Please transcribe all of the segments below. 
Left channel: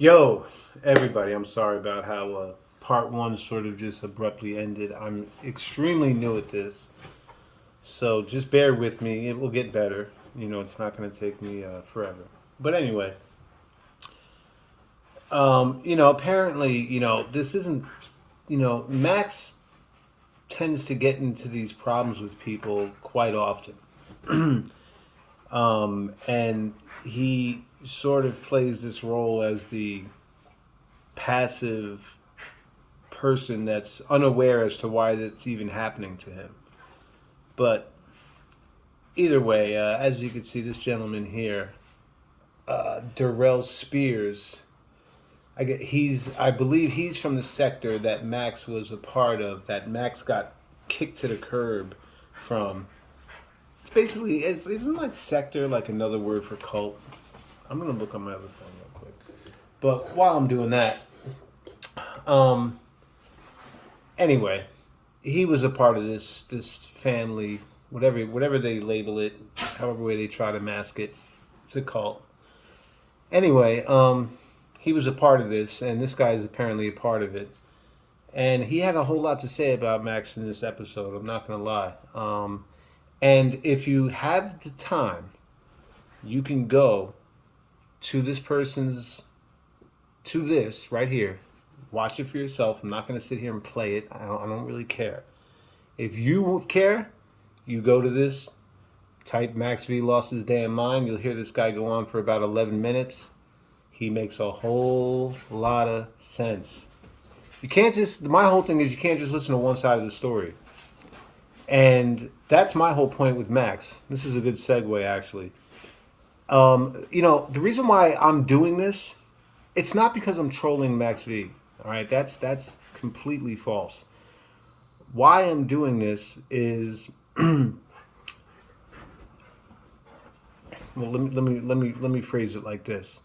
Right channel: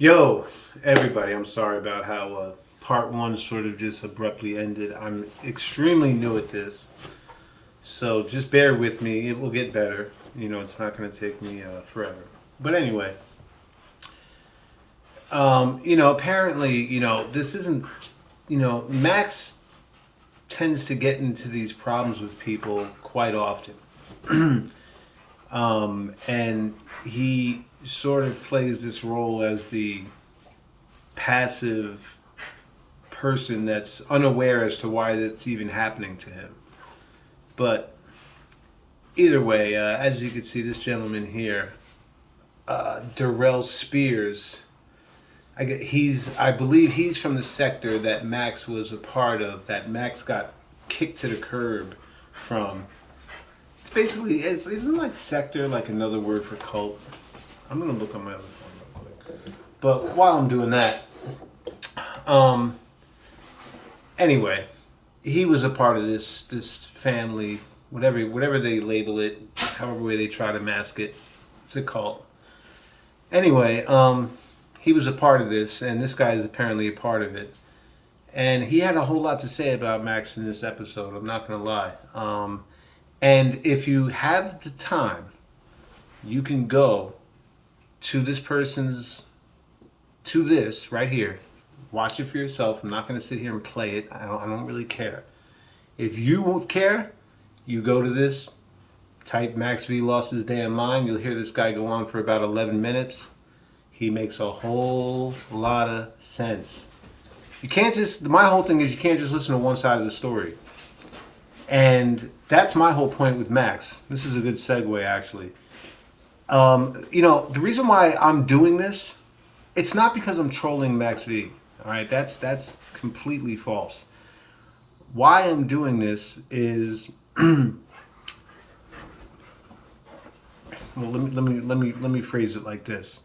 Yo, everybody, I'm sorry about how part one sort of just abruptly ended. I'm extremely new at this, so just bear with me. It will get better. It's not going to take me forever. But anyway, apparently, this isn't, Max tends to get into these problems with people quite often. And he sort of plays this role as the passive person that's unaware as to why that's even happening to him. But either way, as you can see, this gentleman here, Darrell Spears, I believe he's from the sector that Max was a part of, that Max got kicked to the curb from. It's basically, isn't like sector like another word for cult? I'm gonna look on my other phone real quick. But while I'm doing that, um, anyway, he was a part of this family, whatever they label it, however way they try to mask it. It's a cult. Anyway, he was a part of this, and this guy is apparently a part of it. And he had a whole lot to say about Max in this episode. I'm not gonna lie. And if you have the time, you can go to this person's to this right here. Watch it for yourself. I'm not going to sit here and play it. I don't really care. If you care, you go to this, type Max V lost his damn mind. You'll hear this guy go on for about 11 minutes. He makes a whole lot of sense. You can't just, my whole thing is you can't just listen to one side of the story. And that's my whole point with Max. This is a good segue, actually. The reason why I'm doing this, it's not because I'm trolling Max V. All right, that's completely false. Why I'm doing this is, well, let me phrase it like this.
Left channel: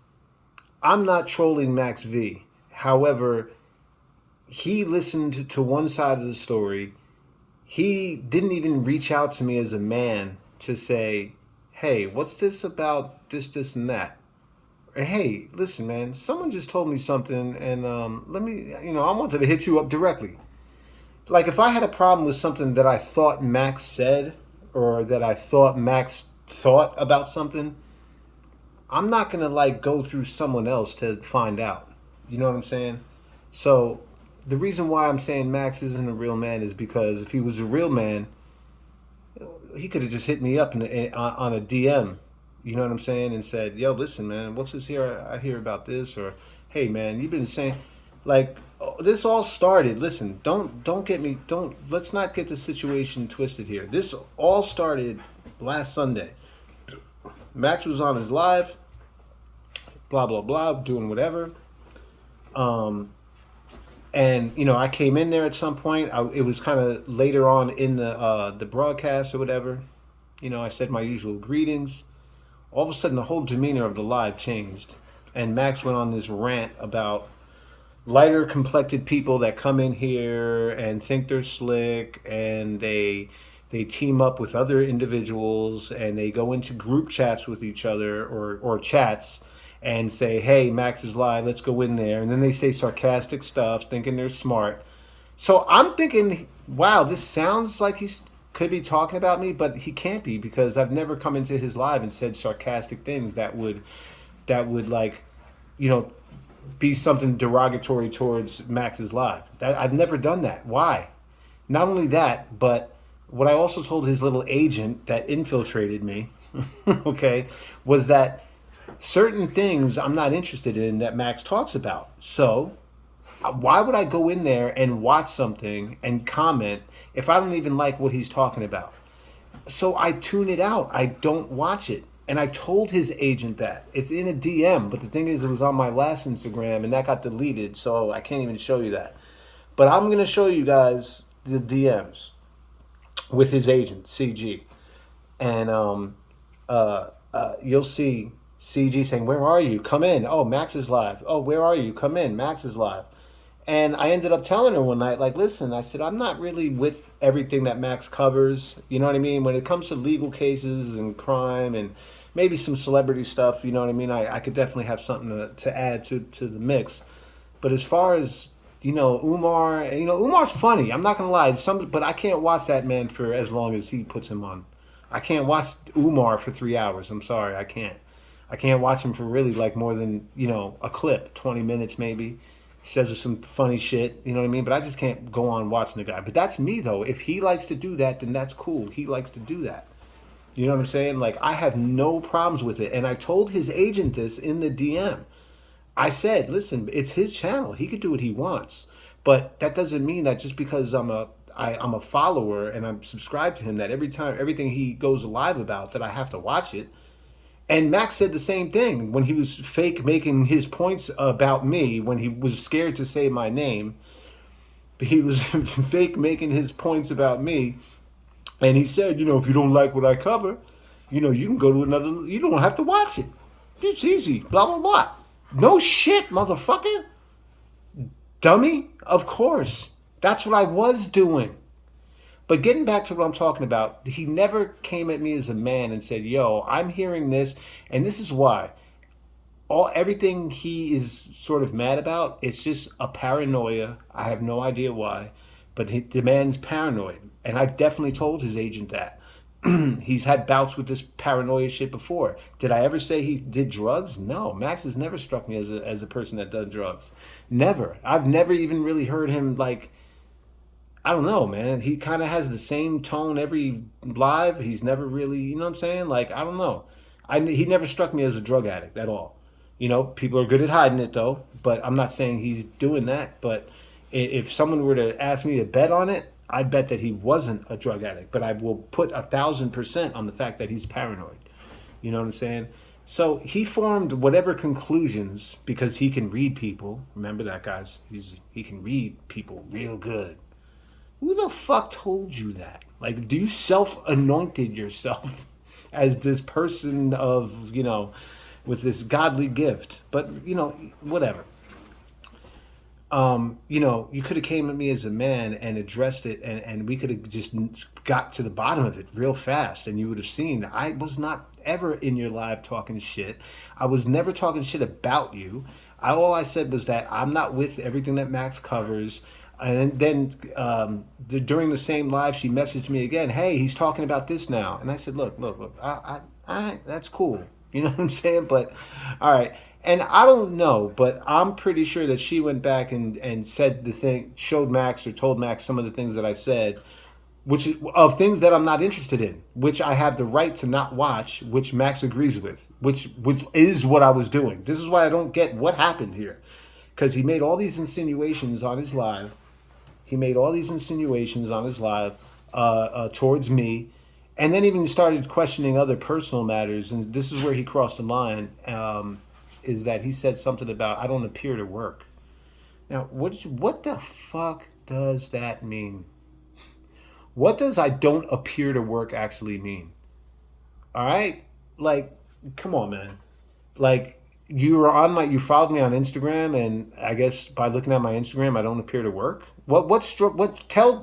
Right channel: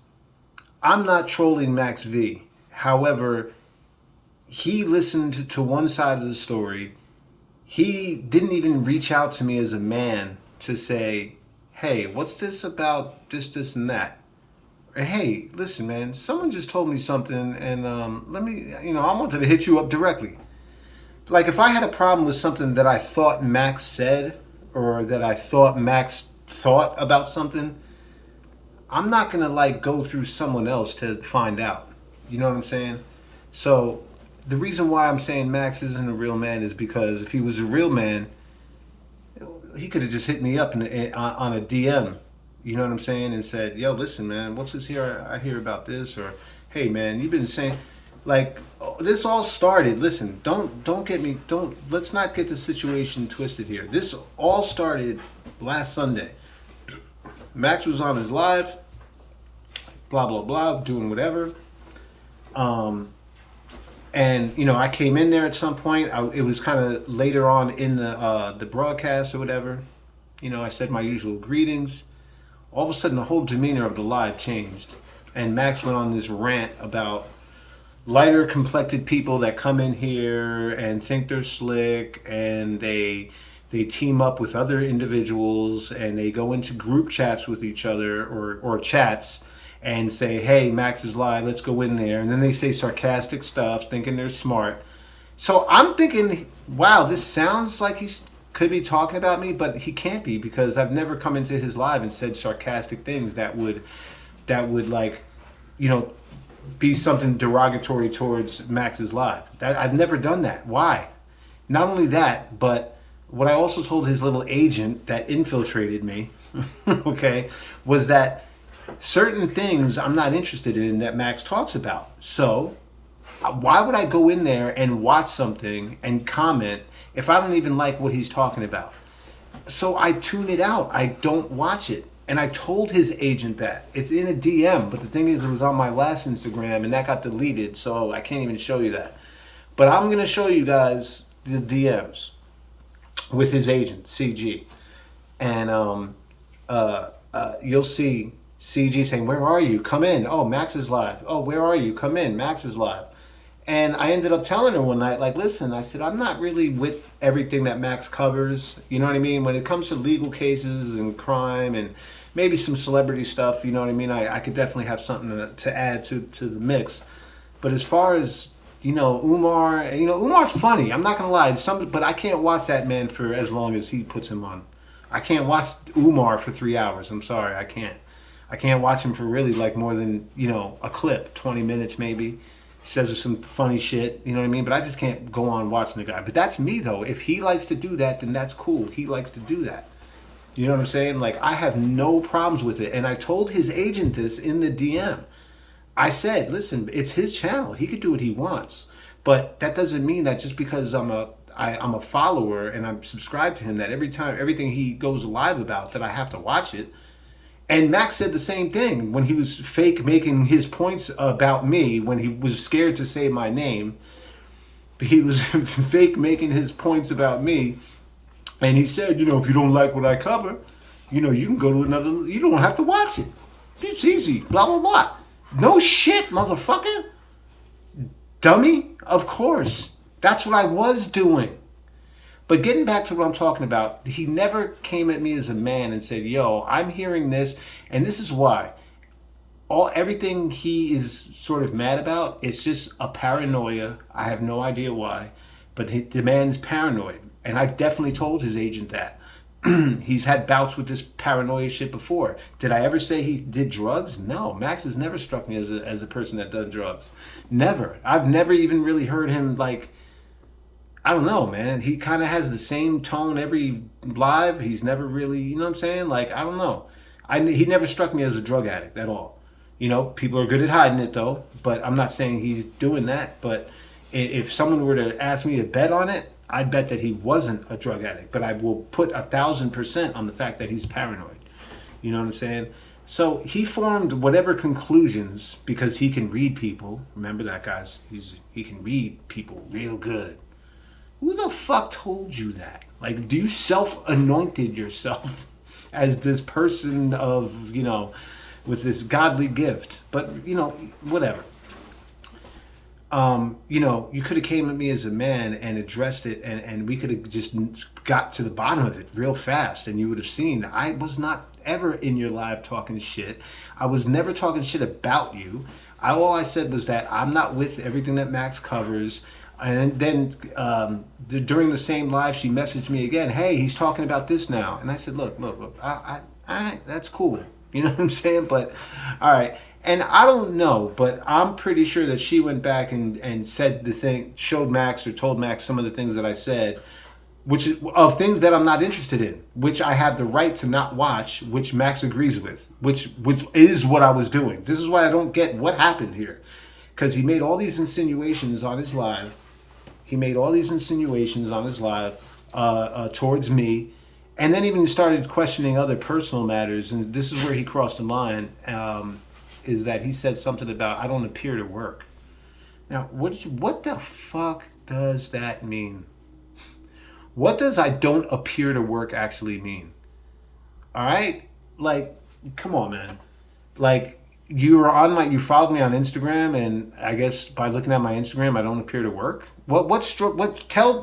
I'm not trolling Max V. However, he listened to one side of the story. He didn't even reach out to me as a man to say, hey, what's this about this, and that? Or, hey, listen, man, someone just told me something, and I wanted to hit you up directly. Like, if I had a problem with something that I thought Max said, or that I thought Max thought about something, I'm not going to, go through someone else to find out. You know what I'm saying? So, the reason why I'm saying Max isn't a real man is because if he was a real man, he could have just hit me up on a DM, you know what I'm saying, and said, "Yo, listen, man, what's this here? I hear about this," or, "Hey, man, you've been saying, this all started. Listen, don't get me. Don't let's not get the situation twisted here. This all started last Sunday. Max was on his live, blah blah blah, doing whatever. And I came in there at some point. It was kind of later on in the broadcast or whatever. I said my usual greetings. All of a sudden, the whole demeanor of the live changed, and Max went on this rant about lighter complected people that come in here and think they're slick, and they team up with other individuals, and they go into group chats with each other or chats and say, hey, Max is live, let's go in there. And then they say sarcastic stuff, thinking they're smart. So I'm thinking, wow, this sounds like he could be talking about me, but he can't be, because I've never come into his live and said sarcastic things that would be something derogatory towards Max's live. I've never done that. Why? Not only that, but what I also told his little agent that infiltrated me, okay, was that certain things I'm not interested in that Max talks about. So why would I go in there and watch something and comment if I don't even like what he's talking about? So I tune it out. I don't watch it. And I told his agent that. It's in a DM, but the thing is, it was on my last Instagram, and that got deleted, so I can't even show you that. But I'm going to show you guys the DMs with his agent, CG. And you'll see CG saying, where are you? Come in. Oh, Max is live. Oh, where are you? Come in. Max is live. And I ended up telling her one night, listen, I said, I'm not really with everything that Max covers. You know what I mean? When it comes to legal cases and crime and maybe some celebrity stuff. You know what I mean? I could definitely have something to add to the mix. But as far as Umar, Umar's funny. I'm not gonna lie. But I can't watch that man for as long as he puts him on. I can't watch Umar for 3 hours. I'm sorry, I can't. I can't watch him for really like more than a clip, 20 minutes maybe. He says some funny shit, you know what I mean? But I just can't go on watching the guy. But that's me though. If he likes to do that, then that's cool. He likes to do that. You know what I'm saying? Like I have no problems with it. And I told his agent this in the DM. I said, listen, it's his channel. He could do what he wants. But that doesn't mean that just because I'm a follower and I'm subscribed to him that everything he goes live about that I have to watch it. And Max said the same thing when he was fake making his points about me when he was scared to say my name. He was fake making his points about me. And he said, if you don't like what I cover, you can go to another, you don't have to watch it. It's easy, blah, blah, blah. No shit, motherfucker. Dummy, of course. That's what I was doing. But getting back to what I'm talking about, he never came at me as a man and said, yo, I'm hearing this, and this is why. Everything he is sort of mad about, it's just a paranoia. I have no idea why. But the man's paranoid. And I definitely told his agent that. He's had bouts with this paranoia shit before. Did I ever say he did drugs? No. Max has never struck me as a person that does drugs. Never. I've never even really heard him like, I don't know, man. He kind of has the same tone every live. He's never really, you know what I'm saying? Like, I don't know. He never struck me as a drug addict at all. People are good at hiding it though, but I'm not saying he's doing that. But if someone were to ask me to bet on it, I'd bet that he wasn't a drug addict. But I will put 1,000% on the fact that he's paranoid. You know what I'm saying? So he formed whatever conclusions because he can read people. Remember that, guys? He can read people real good. Who the fuck told you that? Like, do you self-anointed yourself as this person of, with this godly gift? But, whatever. You could have came at me as a man and addressed it and we could have just got to the bottom of it real fast and you would have seen I was not ever in your live talking shit. I was never talking shit about you. All I said was that I'm not with everything that Max covers. And then during the same live, she messaged me again, hey, he's talking about this now. And I said, look, all right, that's cool. You know what I'm saying? But, all right. And I don't know, but I'm pretty sure that she went back and said the thing, showed Max or told Max some of the things that I said, which is of things that I'm not interested in, which I have the right to not watch, which Max agrees with, which is what I was doing. This is why I don't get what happened here. Because he made all these insinuations on his live. Towards me. And then even started questioning other personal matters. And this is where he crossed the line. Is that he said something about I don't appear to work. Now, what the fuck does that mean? What does I don't appear to work actually mean? All right? Like, come on, man. Like, you followed me on Instagram, and I guess by looking at my Instagram, I don't appear to work.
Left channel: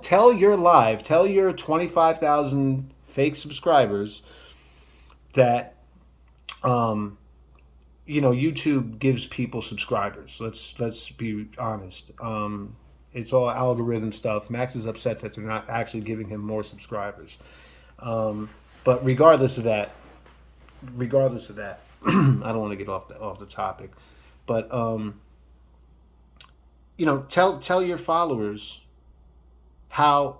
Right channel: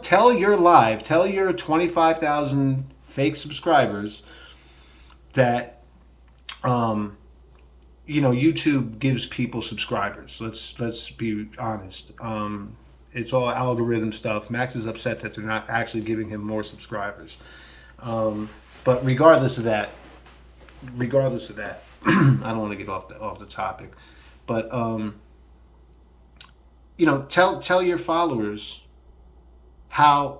Tell your 25,000 fake subscribers that, YouTube gives people subscribers. Let's be honest. It's all algorithm stuff. Max is upset that they're not actually giving him more subscribers. But regardless of that, I don't want to get off the topic, but tell your followers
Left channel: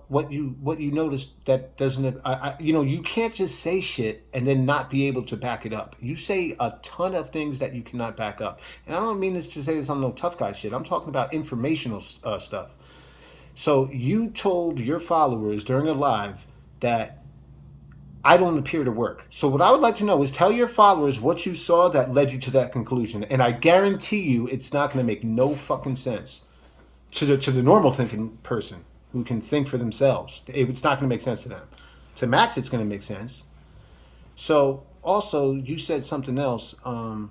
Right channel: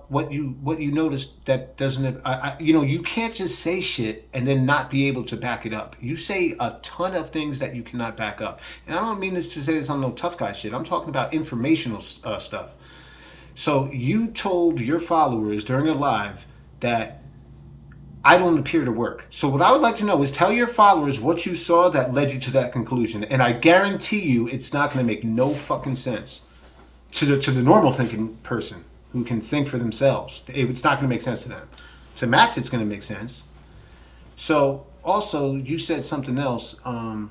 what you noticed that doesn't. You can't just say shit and then not be able to back it up. You say a ton of things that you cannot back up, and I don't mean this to say this on no tough guy shit. I'm talking about informational stuff. So you told your followers during a live that I don't appear to work. So what I would like to know is tell your followers what you saw that led you to that conclusion. And I guarantee you it's not going to make no fucking sense to the normal thinking person who can think for themselves. It's not going to make sense to them. To Max, it's going to make sense. So also you said something else, and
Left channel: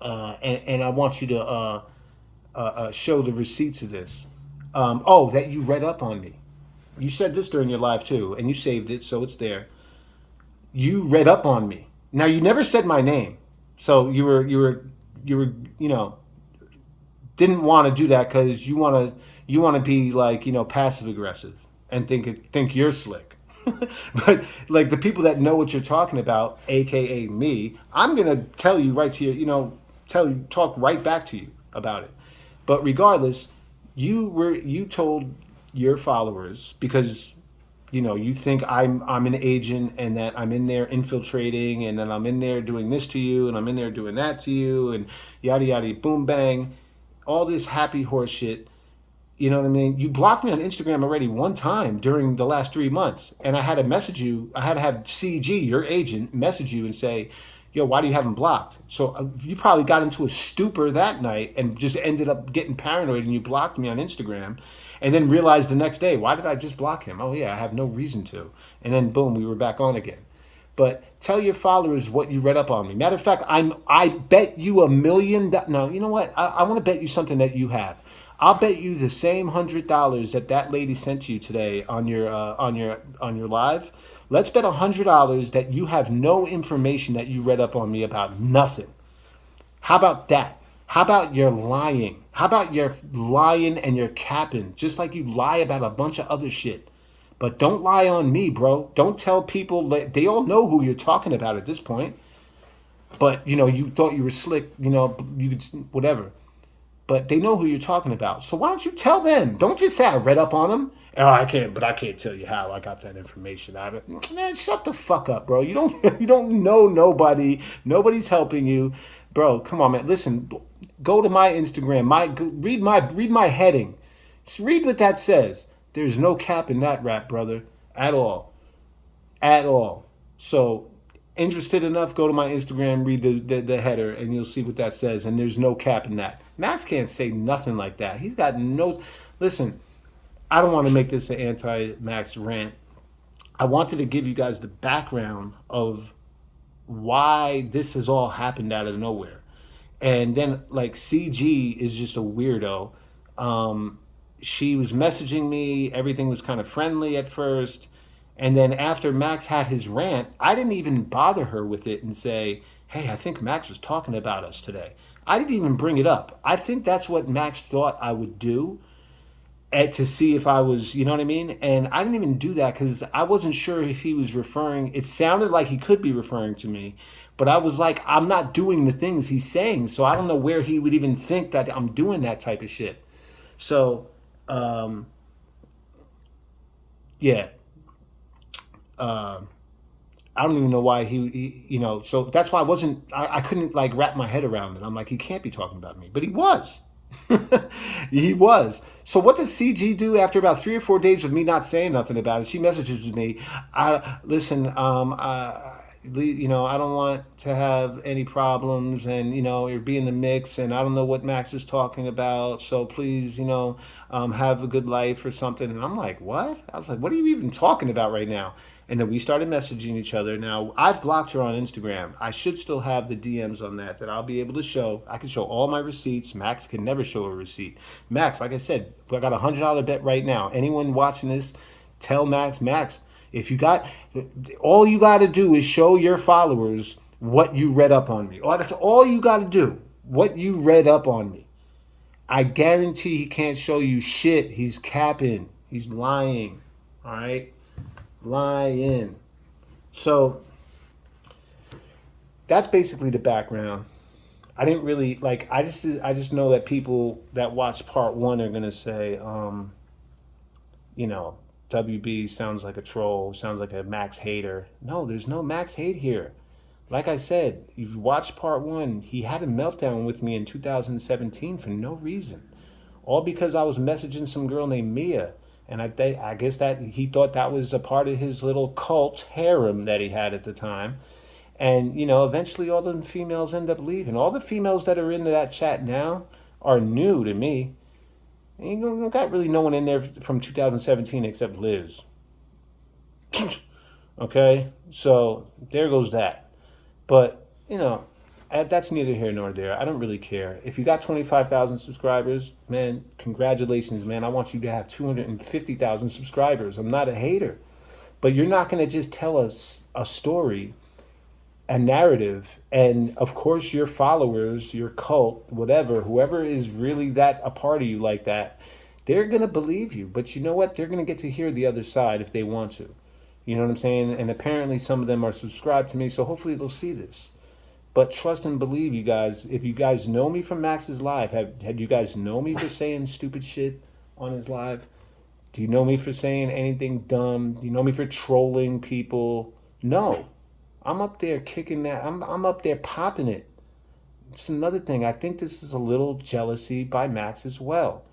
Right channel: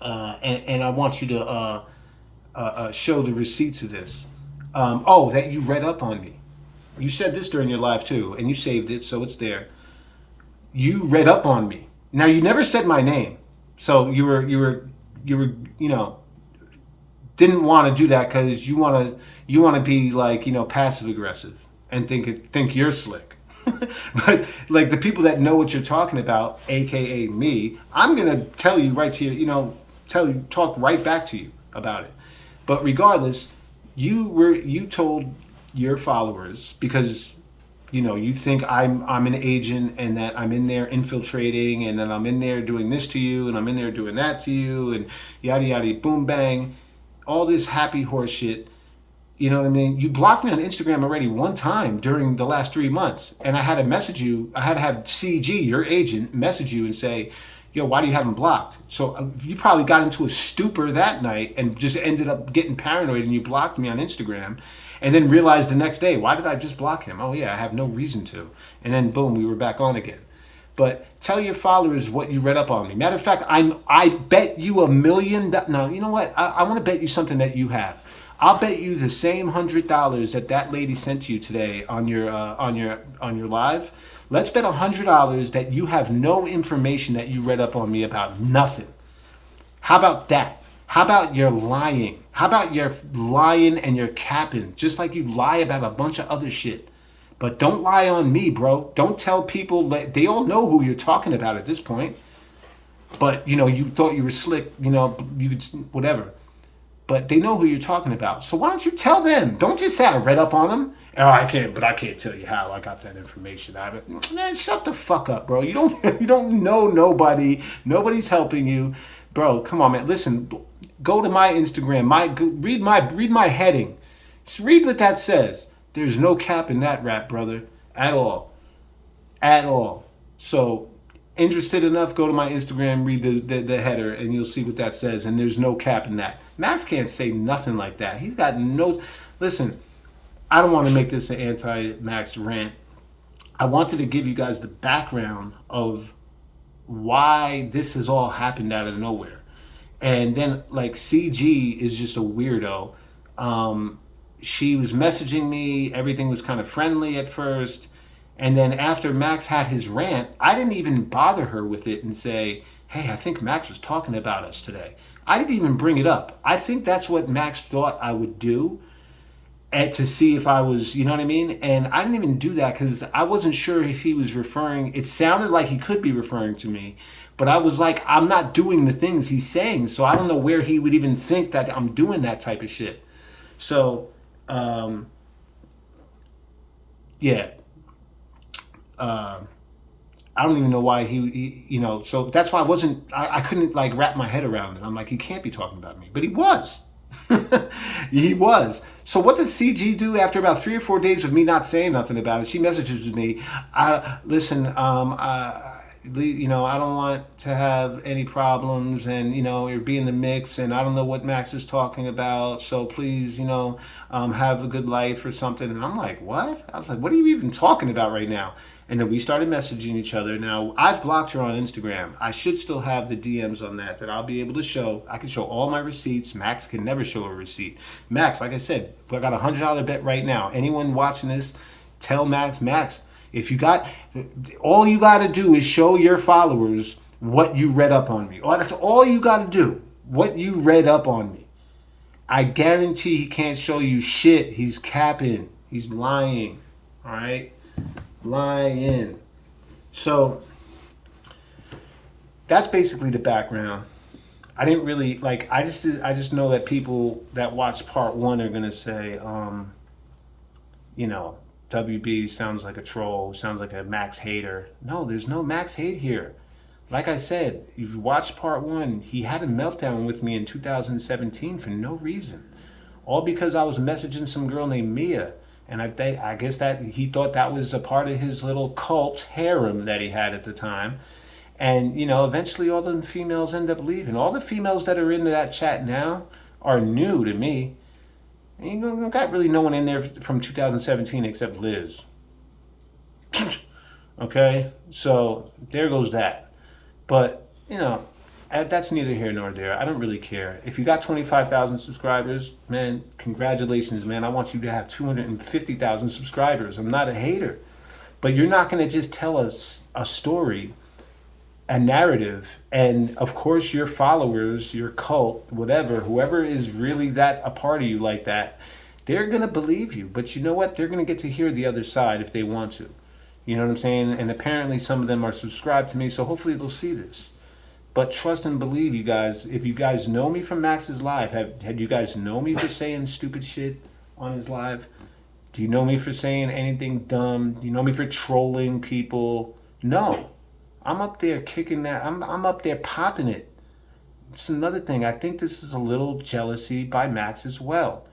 I want you to show the receipts of this. That you read up on me. You said this during your live too, and you saved it, so it's there. You read up on me. Now you never said my name, so you were didn't want to do that because you want to be like passive aggressive and think you're slick. But like the people that know what you're talking about, aka me, I'm gonna tell you right to talk right back to you about it. But regardless, you told your followers because you think I'm an agent and that I'm in there infiltrating and then I'm in there doing this to you and I'm in there doing that to you and yada yada boom bang, all this happy horse shit. You know what I mean? You blocked me on Instagram already one time during the last 3 months, and I had to message you. I had to have CG, your agent, message you and say, "Yo, why do you have him blocked?" So you probably got into a stupor that night and just ended up getting paranoid, and you blocked me on Instagram, and then realized the next day, why did I just block him? Oh yeah, I have no reason to. And then boom, we were back on again. But tell your followers what you read up on me. Matter of fact, I bet you $1 million. No, you know what? I want to bet you something that you have. I'll bet you the same $100 that lady sent to you today on your live. Let's bet $100 that you have no information that you read up on me about nothing. How about that? How about you're lying? How about you're lying and you're capping, just like you lie about a bunch of other shit. But don't lie on me, bro. Don't tell people they all know who you're talking about at this point. But you thought you were slick. You could whatever. But they know who you're talking about. So why don't you tell them? Don't just say I read up on them. Oh, I can't tell you how I got that information out of it. Man, shut the fuck up, bro. You don't you don't know nobody. Nobody's helping you, bro. Come on, man. Listen, go to my Instagram. Read my heading. Just read what that says. There's no cap in that rap, brother, at all, at all. So interested enough, go to my Instagram, read the header, and you'll see what that says. And there's no cap in that. Max can't say nothing like that. He's got no. Listen, I don't want to make this an anti-Max rant. I wanted to give you guys the background of why this has all happened out of nowhere. And then, like, CG is just a weirdo. She was messaging me. Everything was kind of friendly at first. And then after Max had his rant, I didn't even bother her with it and say, hey, I think Max was talking about us today. I didn't even bring it up. I think that's what Max thought I would do to see if I was, you know what I mean? And I didn't even do that because I wasn't sure if he was referring. It sounded like he could be referring to me, but I was like, I'm not doing the things he's saying. So I don't know where he would even think that I'm doing that type of shit. So, yeah. I don't even know why so that's why I couldn't like wrap my head around it. I'm like, he can't be talking about me, but he was. He was. So what does CG do after about 3 or 4 days of me not saying nothing about it? She messages me, listen, I don't want to have any problems and, you're being in the mix and I don't know what Max is talking about. So please, have a good life or something. And I'm like, what? I was like, what are you even talking about right now? And then we started messaging each other. Now, I've blocked her on Instagram. I should still have the DMs on that I'll be able to show. I can show all my receipts. Max can never show a receipt. Max, like I said, I got $100 bet right now. Anyone watching this, tell Max, if you got, all you got to do is show your followers what you read up on me. That's all you got to do, what you read up on me. I guarantee he can't show you shit. He's capping. He's lying. All right? Lying. So that's basically the background. I didn't really I just know that people that watch part one are gonna say, WB sounds like a troll, sounds like a Max hater. No, there's no Max hate here. Like I said, if you watch part one, he had a meltdown with me in 2017 for no reason. All because I was messaging some girl named Mia. And I guess that he thought that was a part of his little cult harem that he had at the time. And, eventually all the females end up leaving. All the females that are into that chat now are new to me. And you got really no one in there from 2017 except Liz. Okay? So there goes that. But, that's neither here nor there. I don't really care. If you got 25,000 subscribers, man, congratulations, man. I want you to have 250,000 subscribers. I'm not a hater. But you're not going to just tell us a story a narrative, and of course your followers, your cult, whatever, whoever is really that a part of you like that, they're going to believe you. But you know what? They're going to get to hear the other side if they want to. You know what I'm saying? And apparently some of them are subscribed to me, so hopefully they'll see this. But trust and believe, you guys. If you guys know me from Max's live, had you guys know me for saying stupid shit on his live? Do you know me for saying anything dumb? Do you know me for trolling people? No. I'm up there kicking that. I'm up there popping it. It's another thing. I think this is a little jealousy by Max as well.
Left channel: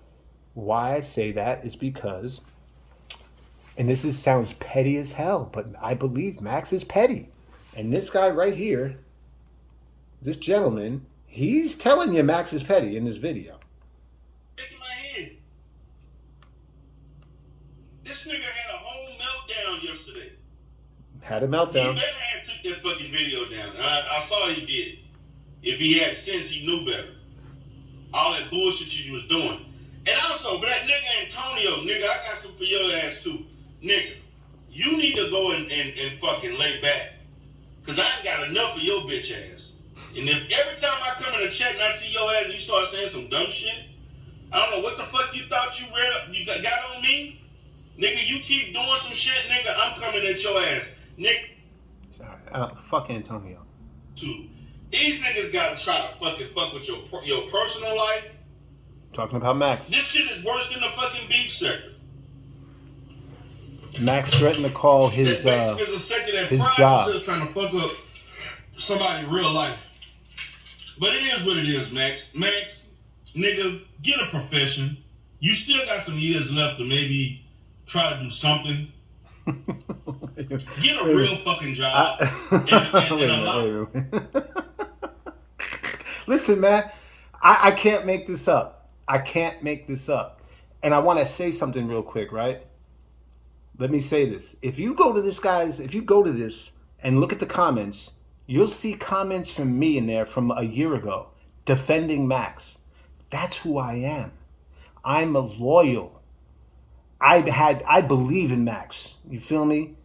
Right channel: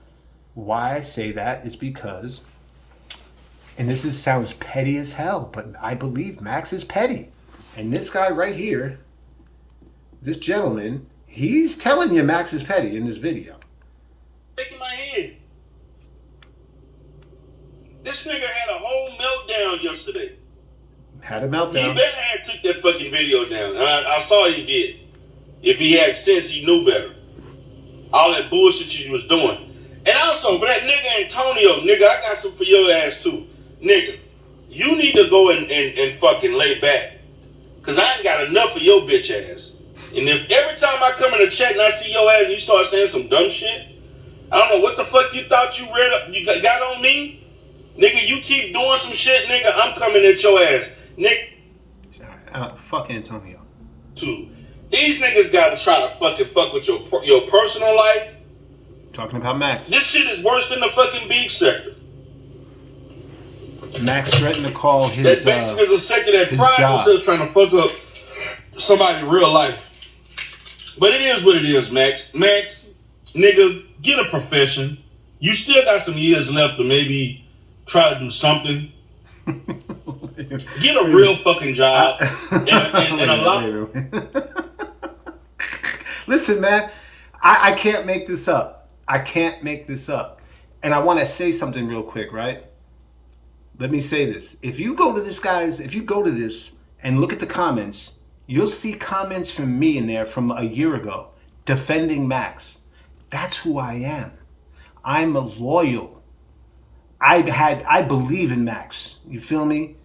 Why I say that is because, and sounds petty as hell, but I believe Max is petty. And this guy right here, this gentleman, he's telling you Max is petty in this video. Shaking my head. This nigga had a whole meltdown yesterday. Had a meltdown. He better have took that fucking video down. I saw he did. If he had sense, he knew better. All that bullshit you was doing. And also, for that nigga Antonio, nigga, I got some for your ass too. Nigga, you need to go and fucking lay back. Because I ain't got enough of your bitch ass. And if every time I come in the chat and I see your ass and you start saying some dumb shit, I don't know what the fuck you thought you got on me. Nigga, you keep doing some shit, nigga, I'm coming at your ass. Nigga. Fuck Antonio. Too. These niggas gotta try to fucking fuck with your personal life. Talking about Max. This shit is worse than the fucking beef sector. Max threatened to call his that basically is a sector that prides itself trying to fuck up somebody's real life. But it is what it is, Max. Max, nigga, get a profession. You still got some years left to maybe try to do something. Get a real fucking job. and a lot. Listen, man, I can't make this up. I can't make this up. And I want to say something real quick, right? Let me say this. If you go to this and look at the comments, you'll see comments from me in there from a year ago defending Max. That's who I am. I'm a loyal. I believe in Max. You feel me?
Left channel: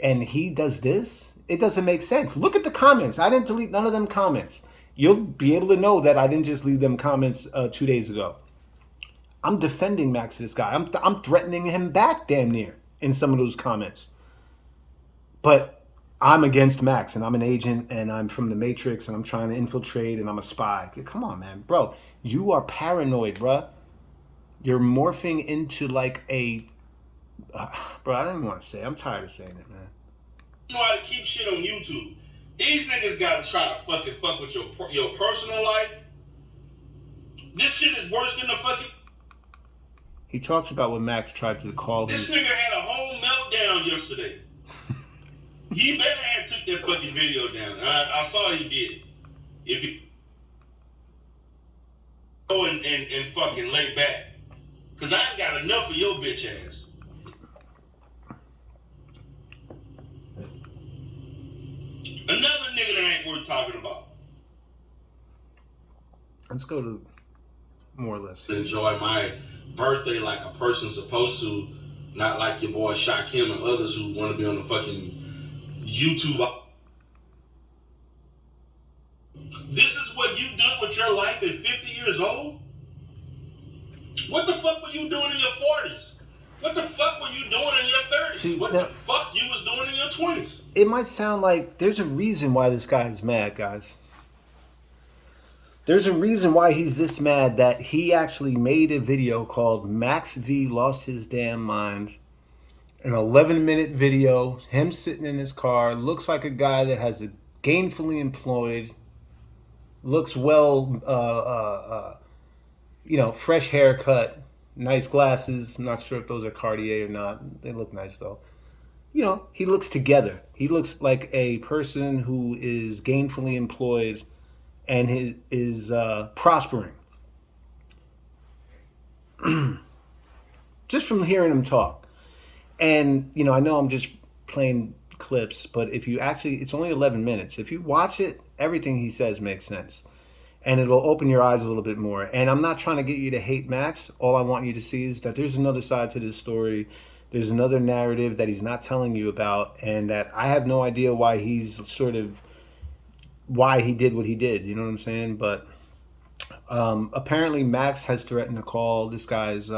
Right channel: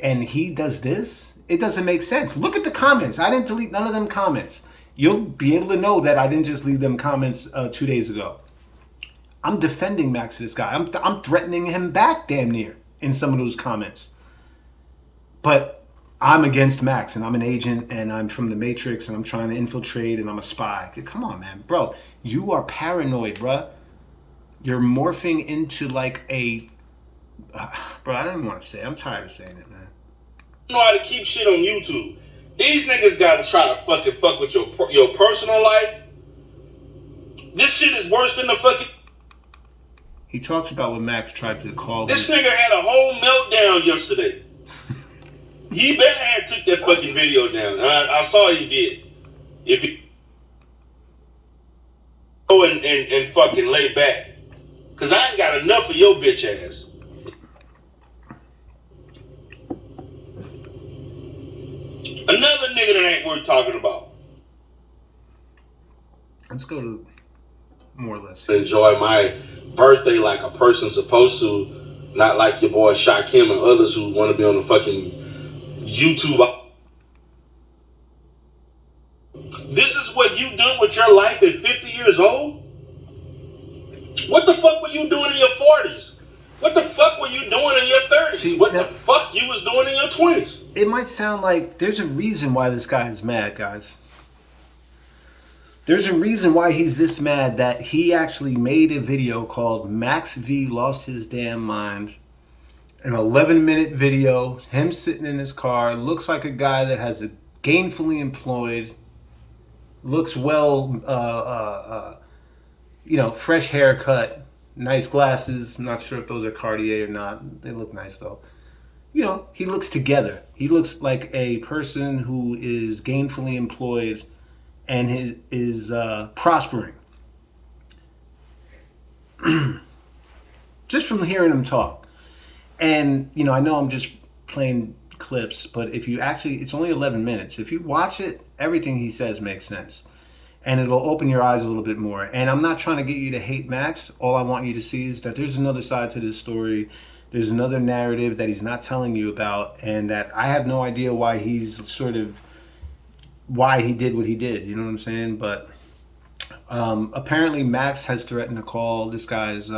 And he does this? It doesn't make sense. Look at the comments. I didn't delete none of them comments. You'll be able to know that I didn't just leave them comments 2 days ago. I'm defending Max to this guy. I'm threatening him back damn near in some of those comments. But I'm against Max, and I'm an agent, and I'm from the Matrix, and I'm trying to infiltrate, and I'm a spy. Come on, man. Bro, you are paranoid, bro. You're morphing into like a... bro, I don't even want to say it. I'm tired of saying it, man. You know how to keep shit on YouTube. These niggas gotta try to fucking fuck with your personal life. This shit is worse than the fucking... He talks about when Max tried to call this nigga had a whole meltdown yesterday. He better have took that fucking video down. I saw he did. If he go and fucking lay back. Because I ain't got enough of your bitch ass. Another nigga that ain't worth talking about. Let's go to more or less. Enjoy my birthday like a person's supposed to, not like your boy Shakim and others who want to be on the fucking YouTube. This is what you done with your life at 50 years old? What the fuck were you doing in your 40s? What the fuck were you doing in your 30s? See, what the fuck you was doing in your 20s? It might sound like there's a reason why this guy is mad, guys. There's a reason why he's this mad, that he actually made a video called Max V Lost His Damn Mind. An 11-minute video, him sitting in his car, looks like a guy that has a gainfully employed, looks well, fresh haircut, nice glasses. I'm not sure if those are Cartier or not. They look nice though. You know, he looks together. He looks like a person who is gainfully employed and is prospering. Just from hearing him talk. And, I know I'm just playing clips, but if you actually, it's only 11 minutes. If you watch it, everything he says makes sense. And it'll open your eyes a little bit more. And I'm not trying to get you to hate Max. All I want you to see is that there's another side to this story, There's another narrative that he's not telling you about, and that I have no idea why why he did what he did. You know what I'm saying? But apparently Max has threatened to call this guy's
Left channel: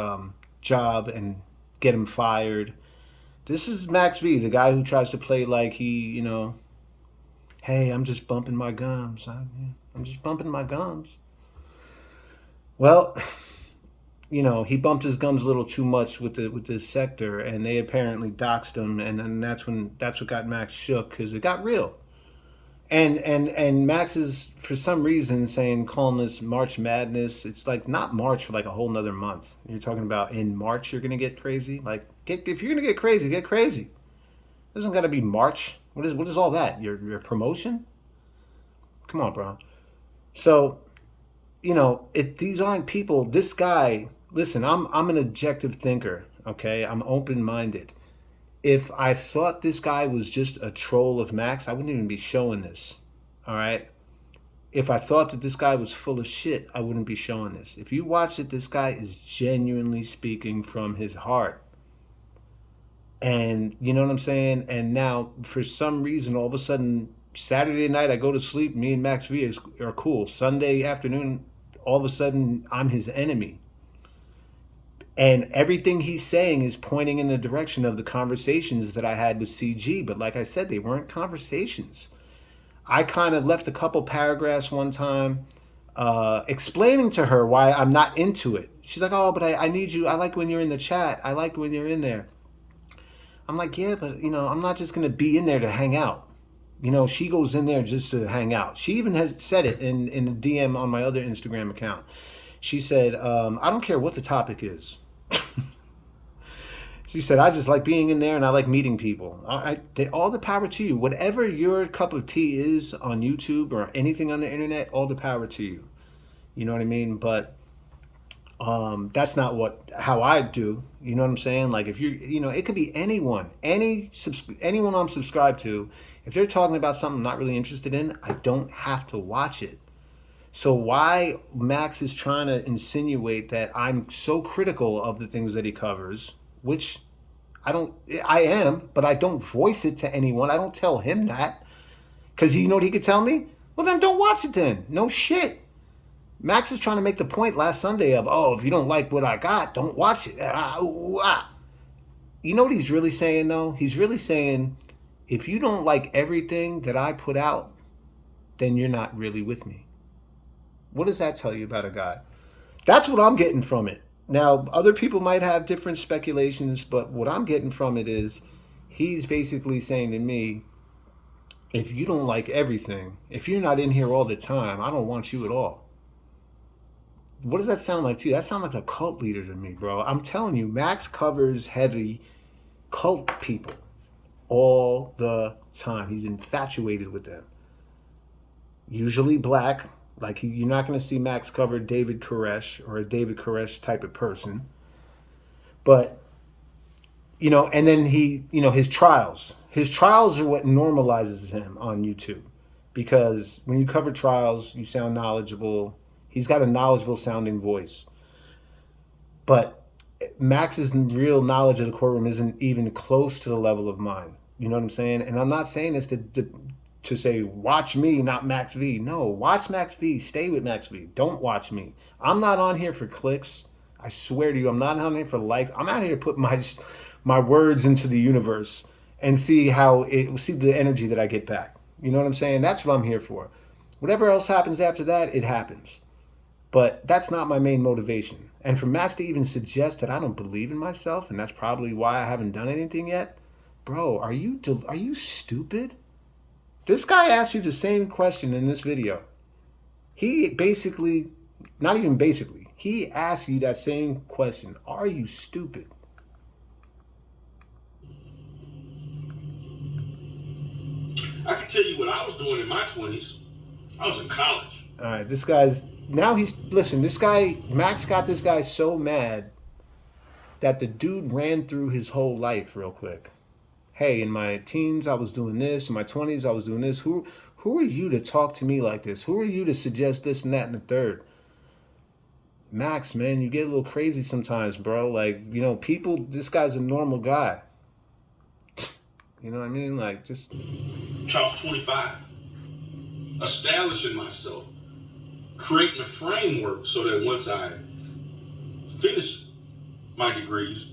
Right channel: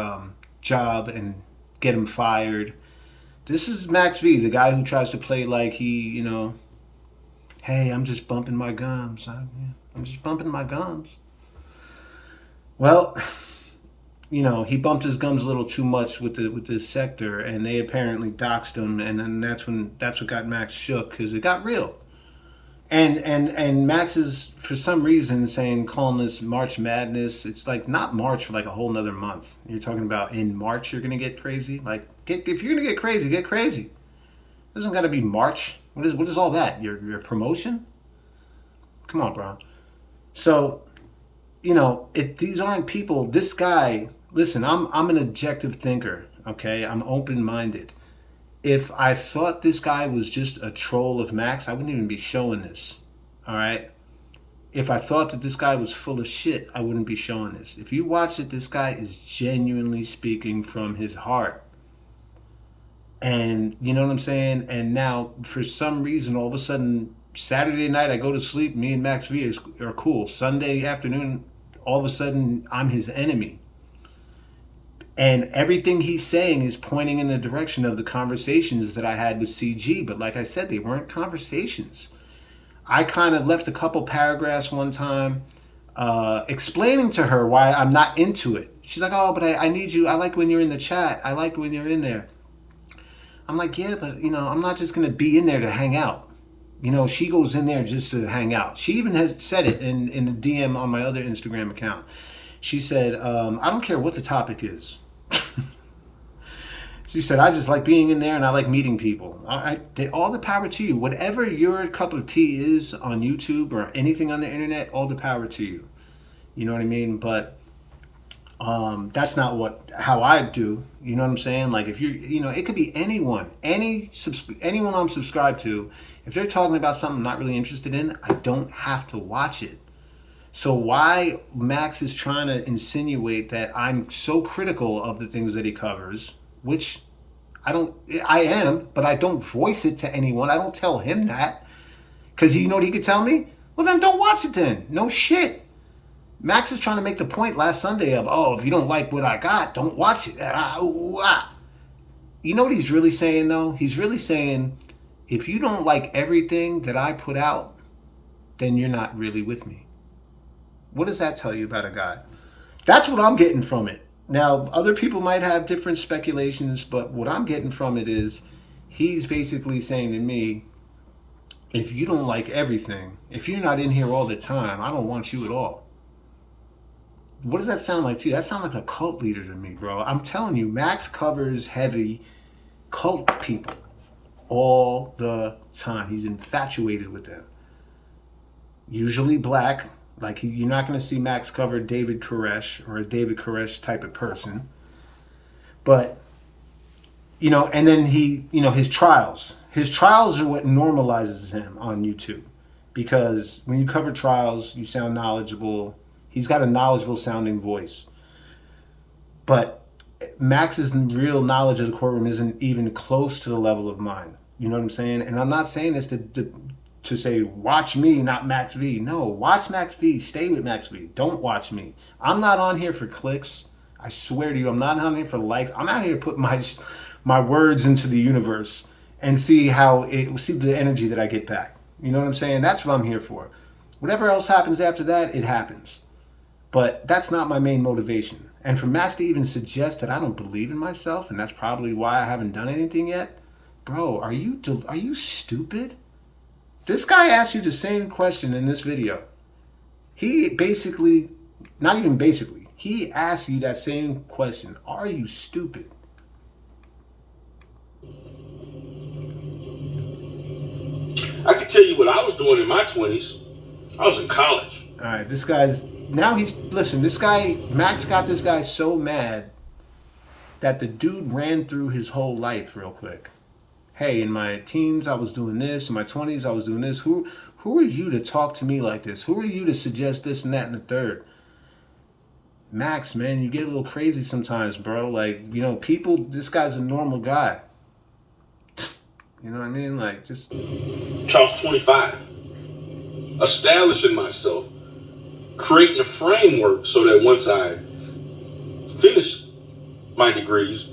job and get him fired. This is Max V, the guy who tries to play like hey, I'm just bumping my gums. I'm just bumping my gums. Well, he bumped his gums a little too much with the sector, and they apparently doxed him, and then that's what got Max shook, because it got real. And Max is, for some reason, calling this March Madness. It's like not March for like a whole nother month. You're talking about in March you're gonna get crazy. Like, if you're gonna get crazy, get crazy. It doesn't gotta be March. What is all that? Your promotion? Come on, bro. So, these aren't people. This guy. Listen, I'm an objective thinker. Okay, I'm open minded. If I thought this guy was just a troll of Max, I wouldn't even be showing this. All right? If I thought that this guy was full of shit, I wouldn't be showing this. If you watch it, this guy is genuinely speaking from his heart. And you know what I'm saying? And now, for some reason, all of a sudden, Saturday night, I go to sleep, me and Max V are cool. Sunday afternoon, all of a sudden, I'm his enemy. And everything he's saying is pointing in the direction of the conversations that I had with CG. But like I said, they weren't conversations. I kind of left a couple paragraphs one time explaining to her why I'm not into it. She's like, oh, but I need you. I like when you're in the chat. I like when you're in there. I'm like, yeah, but, I'm not just going to be in there to hang out. She goes in there just to hang out. She even has said it in the DM on my other Instagram account. She said, I don't care what the topic is. She said, I just like being in there and I like meeting people. All the power to you. Whatever your cup of tea is on YouTube or anything on the internet, all the power to you. You know what I mean? But that's not how I do. You know what I'm saying? Like, if it could be anyone I'm subscribed to. If they're talking about something I'm not really interested in, I don't have to watch it. So why Max is trying to insinuate that I'm so critical of the things that he covers, which I am, but I don't voice it to anyone. I don't tell him that. Because you know what he could tell me? Well, then don't watch it then. No shit. Max is trying to make the point last Sunday of, if you don't like what I got, don't watch it. You know what he's really saying, though? He's really saying, if you don't like everything that I put out, then you're not really with me. What does that tell you about a guy? That's what I'm getting from it. Now, other people might have different speculations, but what I'm getting from it is he's basically saying to me, if you don't like everything, if you're not in here all the time, I don't want you at all. What does that sound like to you? That sounds like a cult leader to me, bro. I'm telling you, Max covers heavy cult people all the time. He's infatuated with them. Usually black. Like, you're not going to see Max cover David Koresh or a David Koresh type of person. But, and then his trials. His trials are what normalizes him on YouTube. Because when you cover trials, you sound knowledgeable. He's got a knowledgeable sounding voice. But Max's real knowledge of the courtroom isn't even close to the level of mine. You know what I'm saying? And I'm not saying this to say, watch me, not Max V. No, watch Max V. Stay with Max V. Don't watch me. I'm not on here for clicks. I swear to you, I'm not on here for likes. I'm out here to put my words into the universe and see the energy that I get back. You know what I'm saying? That's what I'm here for. Whatever else happens after that, it happens. But that's not my main motivation. And for Max to even suggest that I don't believe in myself, and that's probably why I haven't done anything yet, bro, are you stupid? This guy asked you the same question in this video. He basically, not even basically, he asked you that same question. Are you stupid? I can tell you what I was doing in my 20s. I was in college. All right, this guy, Max got this guy so mad that the dude ran through his whole life real quick. Hey, in my teens, I was doing this. In my 20s, I was doing this. Who are you to talk to me like this? Who are you to suggest this and that and the third? Max, man, you get a little crazy sometimes, bro. Like, you know, people, this guy's a normal guy. You know what I mean? Like, just. Charles 25. Establishing myself. Creating a framework so that once I finish my degrees,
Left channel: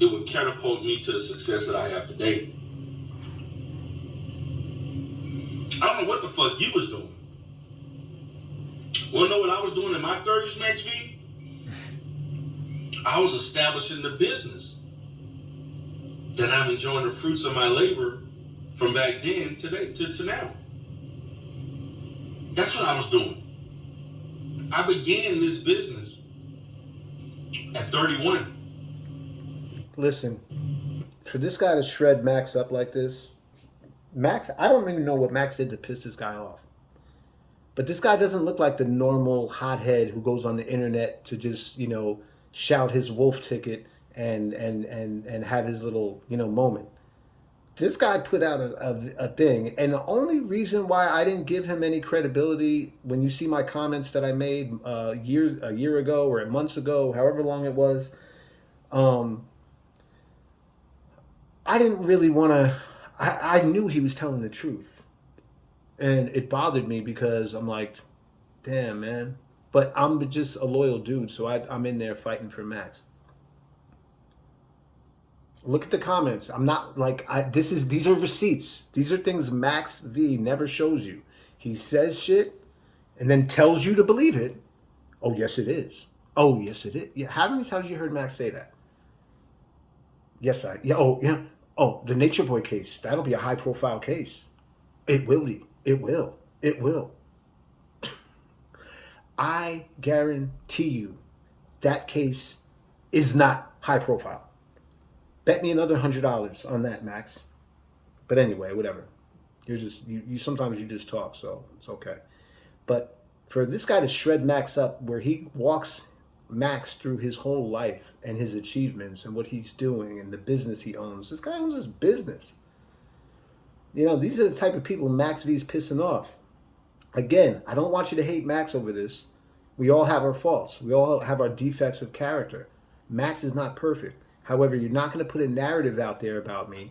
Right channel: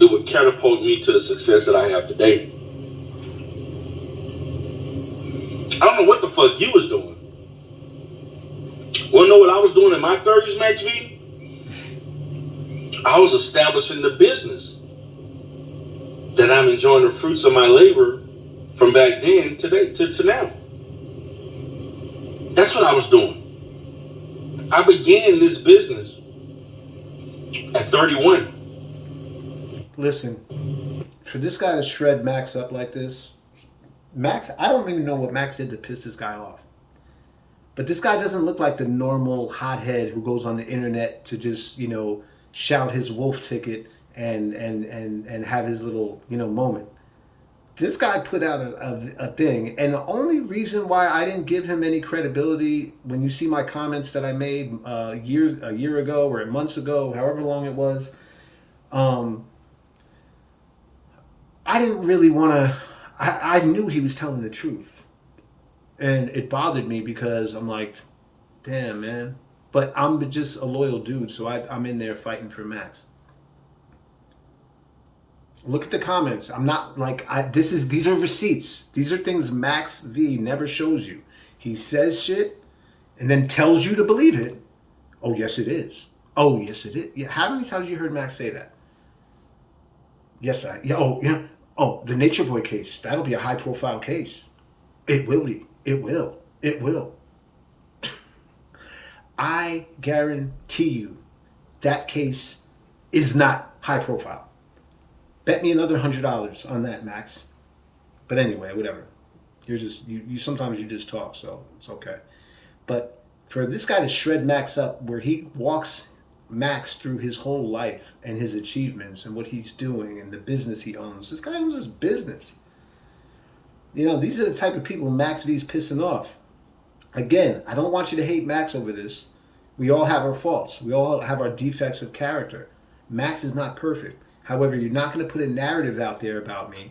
it would catapult me to the success that I have today. I don't know what the fuck you was doing. Wanna know what I was doing in my 30s, Max V? I was establishing the business that I'm enjoying the fruits of my labor from back then to now. That's what I was doing. I began this business at 31. Listen, for this guy to shred Max up like this, Max, I don't even know what Max did to piss this guy off. But this guy doesn't look like the normal hothead who goes on the internet to just, you know, shout his wolf ticket and have his little, you know, moment. This guy put out a thing, and the only reason why I didn't give him any credibility, when you see my comments that I made a year ago or months ago, however long it was, I didn't really want to. I knew he was telling the truth, and it bothered me because I'm like, damn, man. But I'm just a loyal dude, so I'm in there fighting for Max. Look at the comments. I'm not like these are receipts. These are things Max V never shows you. He says shit and then tells you to believe it. Oh yes it is. Oh yes it is. Yeah, how many times you heard Max say that? Yes, oh yeah. Oh, the Nature Boy case. That'll be a high profile case. It will be. It will. It will. I guarantee you that case is not high profile. Bet me another $100 on that, Max. But anyway, whatever. You're just you sometimes you just talk, so it's okay. But for this guy to shred Max up, where he walks Max through his whole life and his achievements and what he's doing and the business he owns. This guy owns his business. You know, these are the type of people Max V's pissing off. Again, I don't want you to hate Max over this. We all have our faults. We all have our defects of character. Max is not perfect. However, you're not going to put a narrative out there about me,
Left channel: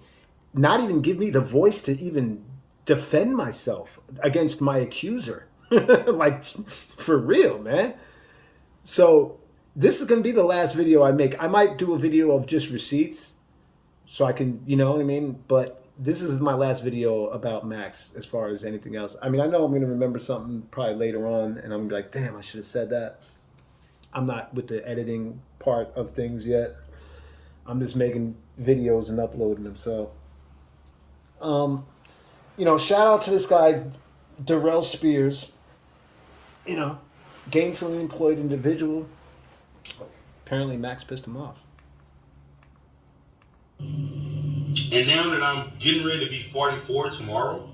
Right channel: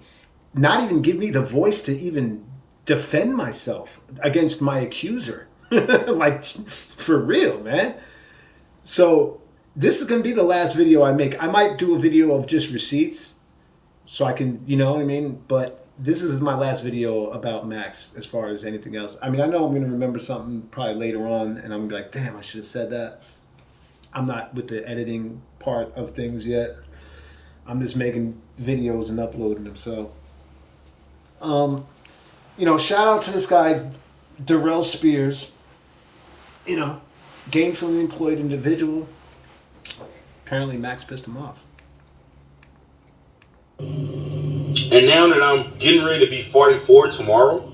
not even give me the voice to even defend myself against my accuser. Like, for real, man. So this is going to be the last video I make. I might do a video of just receipts so I can, you know what I mean? But this is my last video about Max as far as anything else. I mean, I know I'm going to remember something probably later on and I'm going to be like, damn, I should have said that. I'm not with the editing part of things yet. I'm just making videos and uploading them. So, you know, shout out to this guy, Darrell Spears. You know, gainfully employed individual. Apparently Max pissed him off. And now that I'm getting ready to be 44 tomorrow,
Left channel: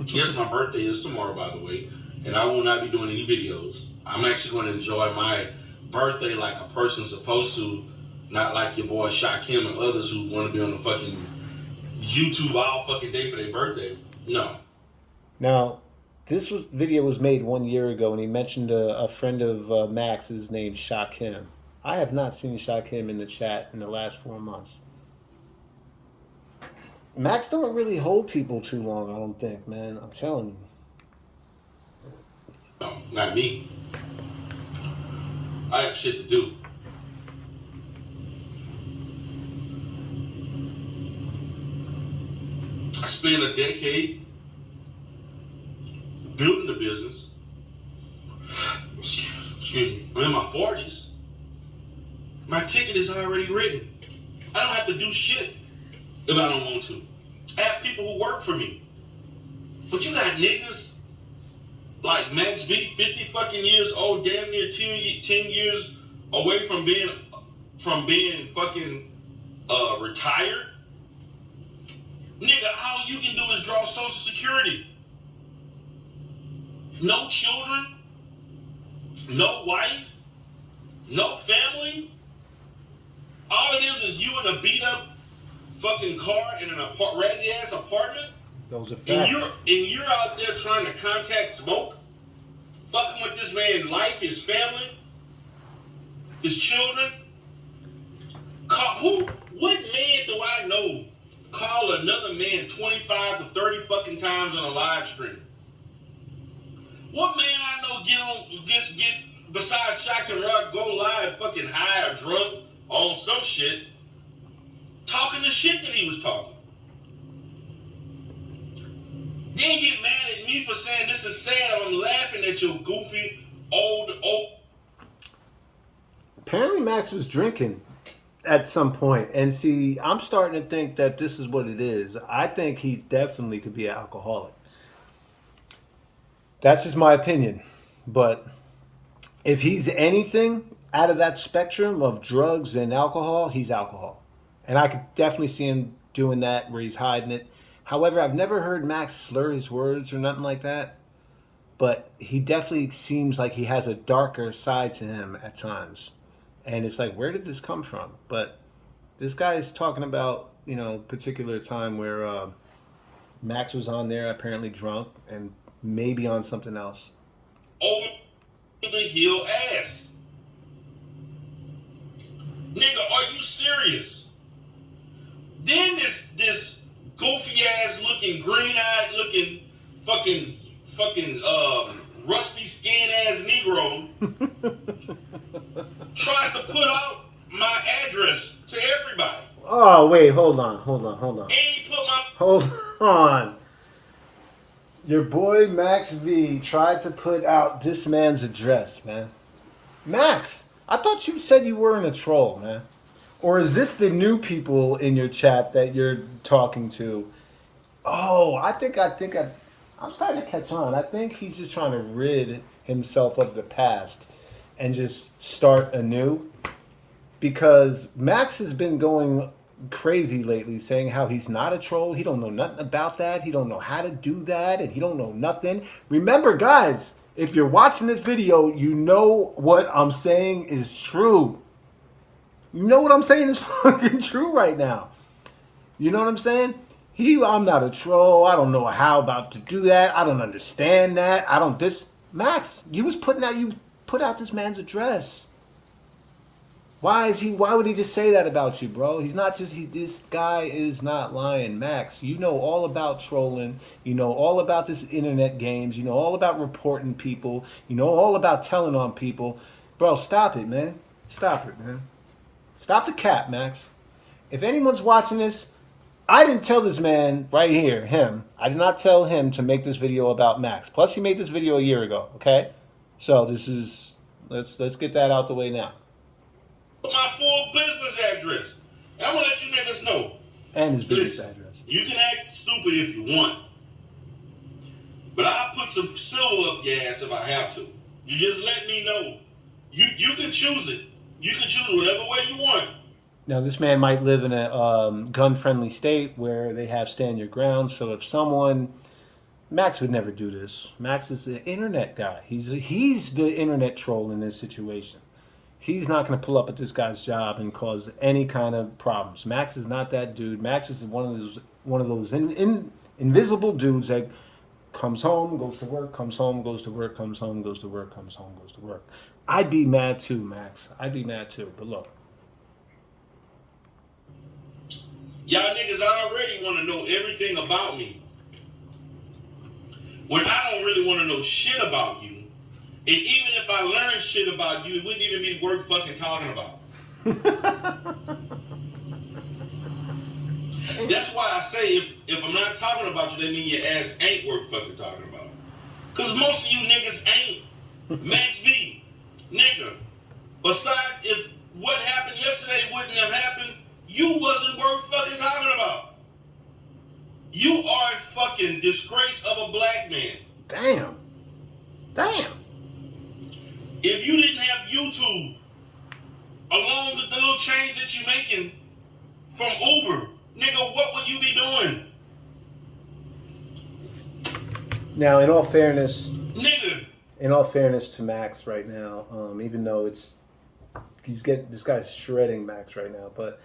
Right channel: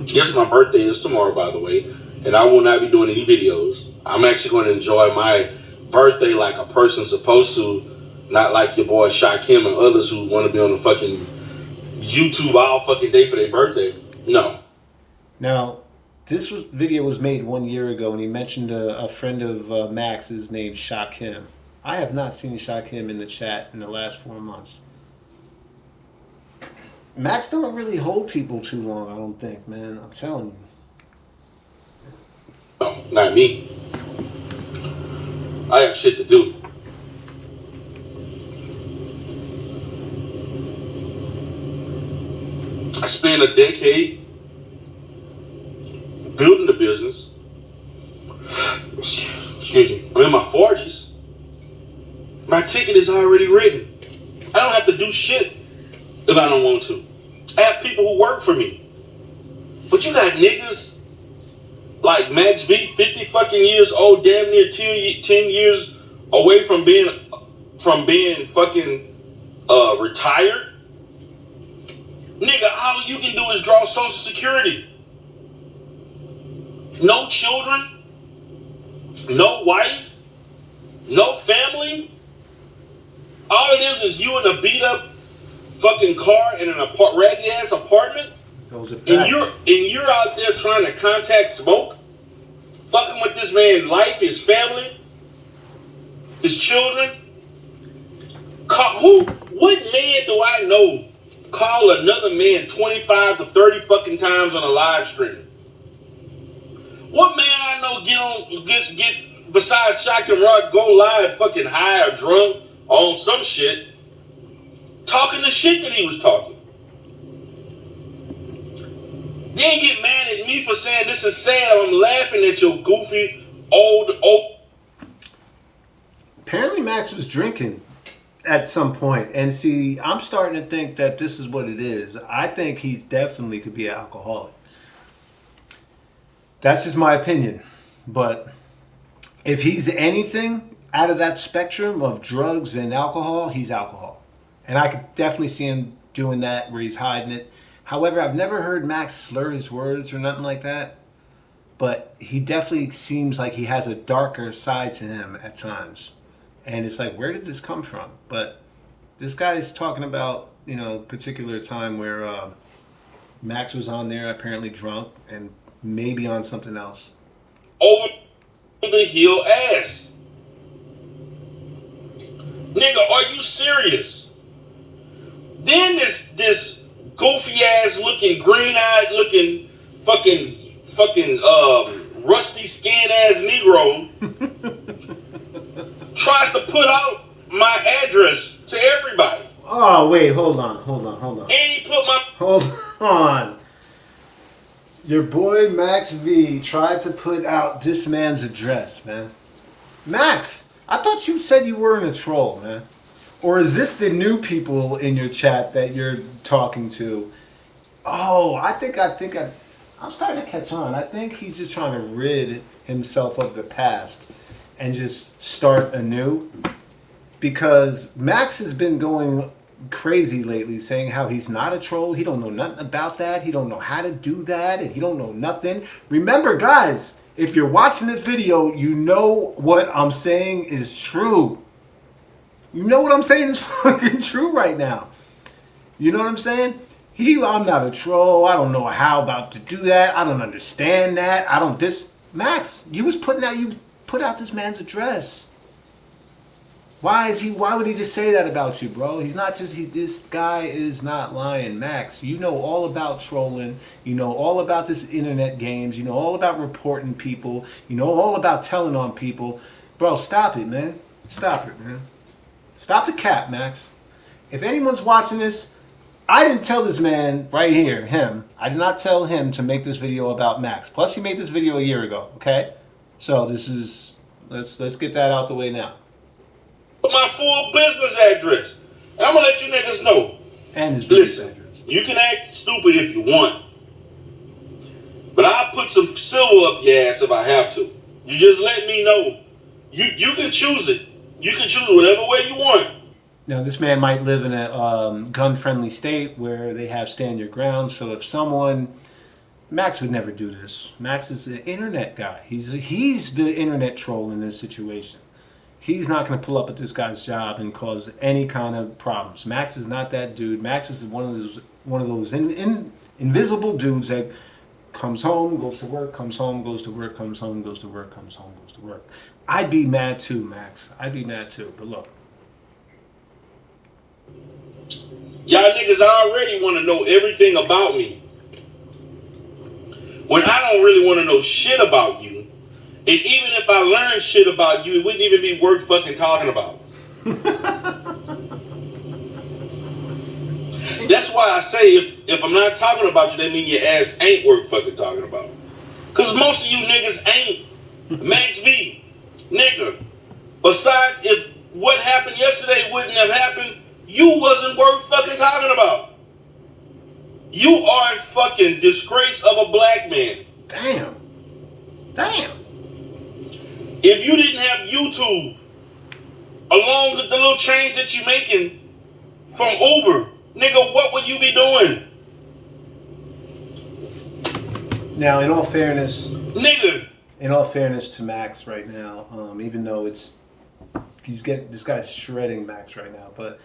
yes, my birthday is tomorrow, by the way, and I will not be doing any videos. I'm actually going to enjoy my birthday like a person's supposed to, not like your boy Shakim and others who want to be on the fucking YouTube all fucking day for their birthday. No. Now, video was made 1 year ago, and he mentioned a friend of Max's named Shakim. I have not seen Shakim in the chat in the last 4 months. Max don't really hold people too long, I don't think, man. I'm telling you. No, not me. I have shit to do. I spent a decade building the business. Excuse me. I'm in my 40s. My ticket is already written. I don't have to do shit if I don't want to. I have people who work for me. But you got niggas like Max V, 50 fucking years old, damn near 10 years away from being fucking retired. Nigga, all you can do is draw Social Security. No children, no wife, no family. All it is you in a beat up fucking car in an raggedy ass apartment. That was a fact. And you're out there trying to contact smoke, fucking with this man's life, his family, his children. What man do I know call another man 25 to 30 fucking times on a live stream? What man I know get besides Shock and Rock go live fucking high or drunk or on some shit talking the shit that he was talking? Then get mad at me for saying this is sad. I'm laughing at your goofy old. Apparently Max was drinking at some point. And see, I'm starting to think that this is what it is. I think he definitely could be an alcoholic. That's just my opinion. But if he's anything out of that spectrum of drugs and alcohol, he's alcohol. And I could definitely see him doing that where he's hiding it. However, I've never heard Max slur his words or nothing like that. But he definitely seems like he has a darker side to him at times. And it's like, where did this come from? But this guy's talking about, particular time where Max was on there apparently drunk and maybe on something else. Over the heel ass. Nigga, are you serious? Then this goofy ass looking, green eyed looking, fucking rusty skin ass Negro tries to put out my address to everybody. Oh wait, hold on. And he put my Hold on. Your boy Max V tried to put out this man's address, man. Max, I thought you said you weren't a troll, man. Or is this the new people in your chat that you're talking to? Oh, I'm starting to catch on. I think he's just trying to rid himself of the past and just start anew. Because Max has been going crazy lately, saying how he's not a troll. He don't know nothing about that. He don't know how to do that, and he don't know nothing. Remember, guys, if you're watching this video, you know what I'm saying is true. You know what I'm saying is fucking true right now. You know what I'm saying? I'm not a troll. I don't know how about to do that. I don't understand that. Max, you put out this man's address. Why would he just say that about you, bro? This guy is not lying. Max, you know all about trolling. You know all about this internet games. You know all about reporting people. You know all about telling on people. Bro, stop it, man. Stop it, man. Stop the cap, Max. If anyone's watching this, I didn't tell this man right here, him. I did not tell him to make this video about Max. Plus, he made this video a year ago, okay? So let's get that out the way now. My full business address. And I'm gonna let you niggas know. And his business address. You can act stupid if you want. But I'll put some silver up your ass if I have to. You just let me know. You can choose it. You can choose whatever way you want. Now, this man might live in a gun-friendly state where they have stand your ground. So if Max would never do this. Max is the internet guy. He's the internet troll in this situation. He's not going to pull up at this guy's job and cause any kind of problems. Max is not that dude. Max is one of those invisible dudes that comes home, goes to work, comes home, goes to work, comes home, goes to work, comes home, goes to work. I'd be mad too, Max. I'd be mad too. But look. Y'all niggas already want to know everything about me. When I don't really want to know shit about you. And even if I learned shit about you, it wouldn't even be worth fucking talking about. That's why I say if I'm not talking about you, that means your ass ain't worth fucking talking about. Because most of you niggas ain't. Max V, nigga. Besides, if what happened yesterday wouldn't have happened, you wasn't worth fucking talking about. You are a fucking disgrace of a black man. Damn. If you didn't have YouTube, along with the little change that you're making from Uber, nigga, what would you be doing? Now, in all fairness to Max right now, even though this guy's shredding Max right now, but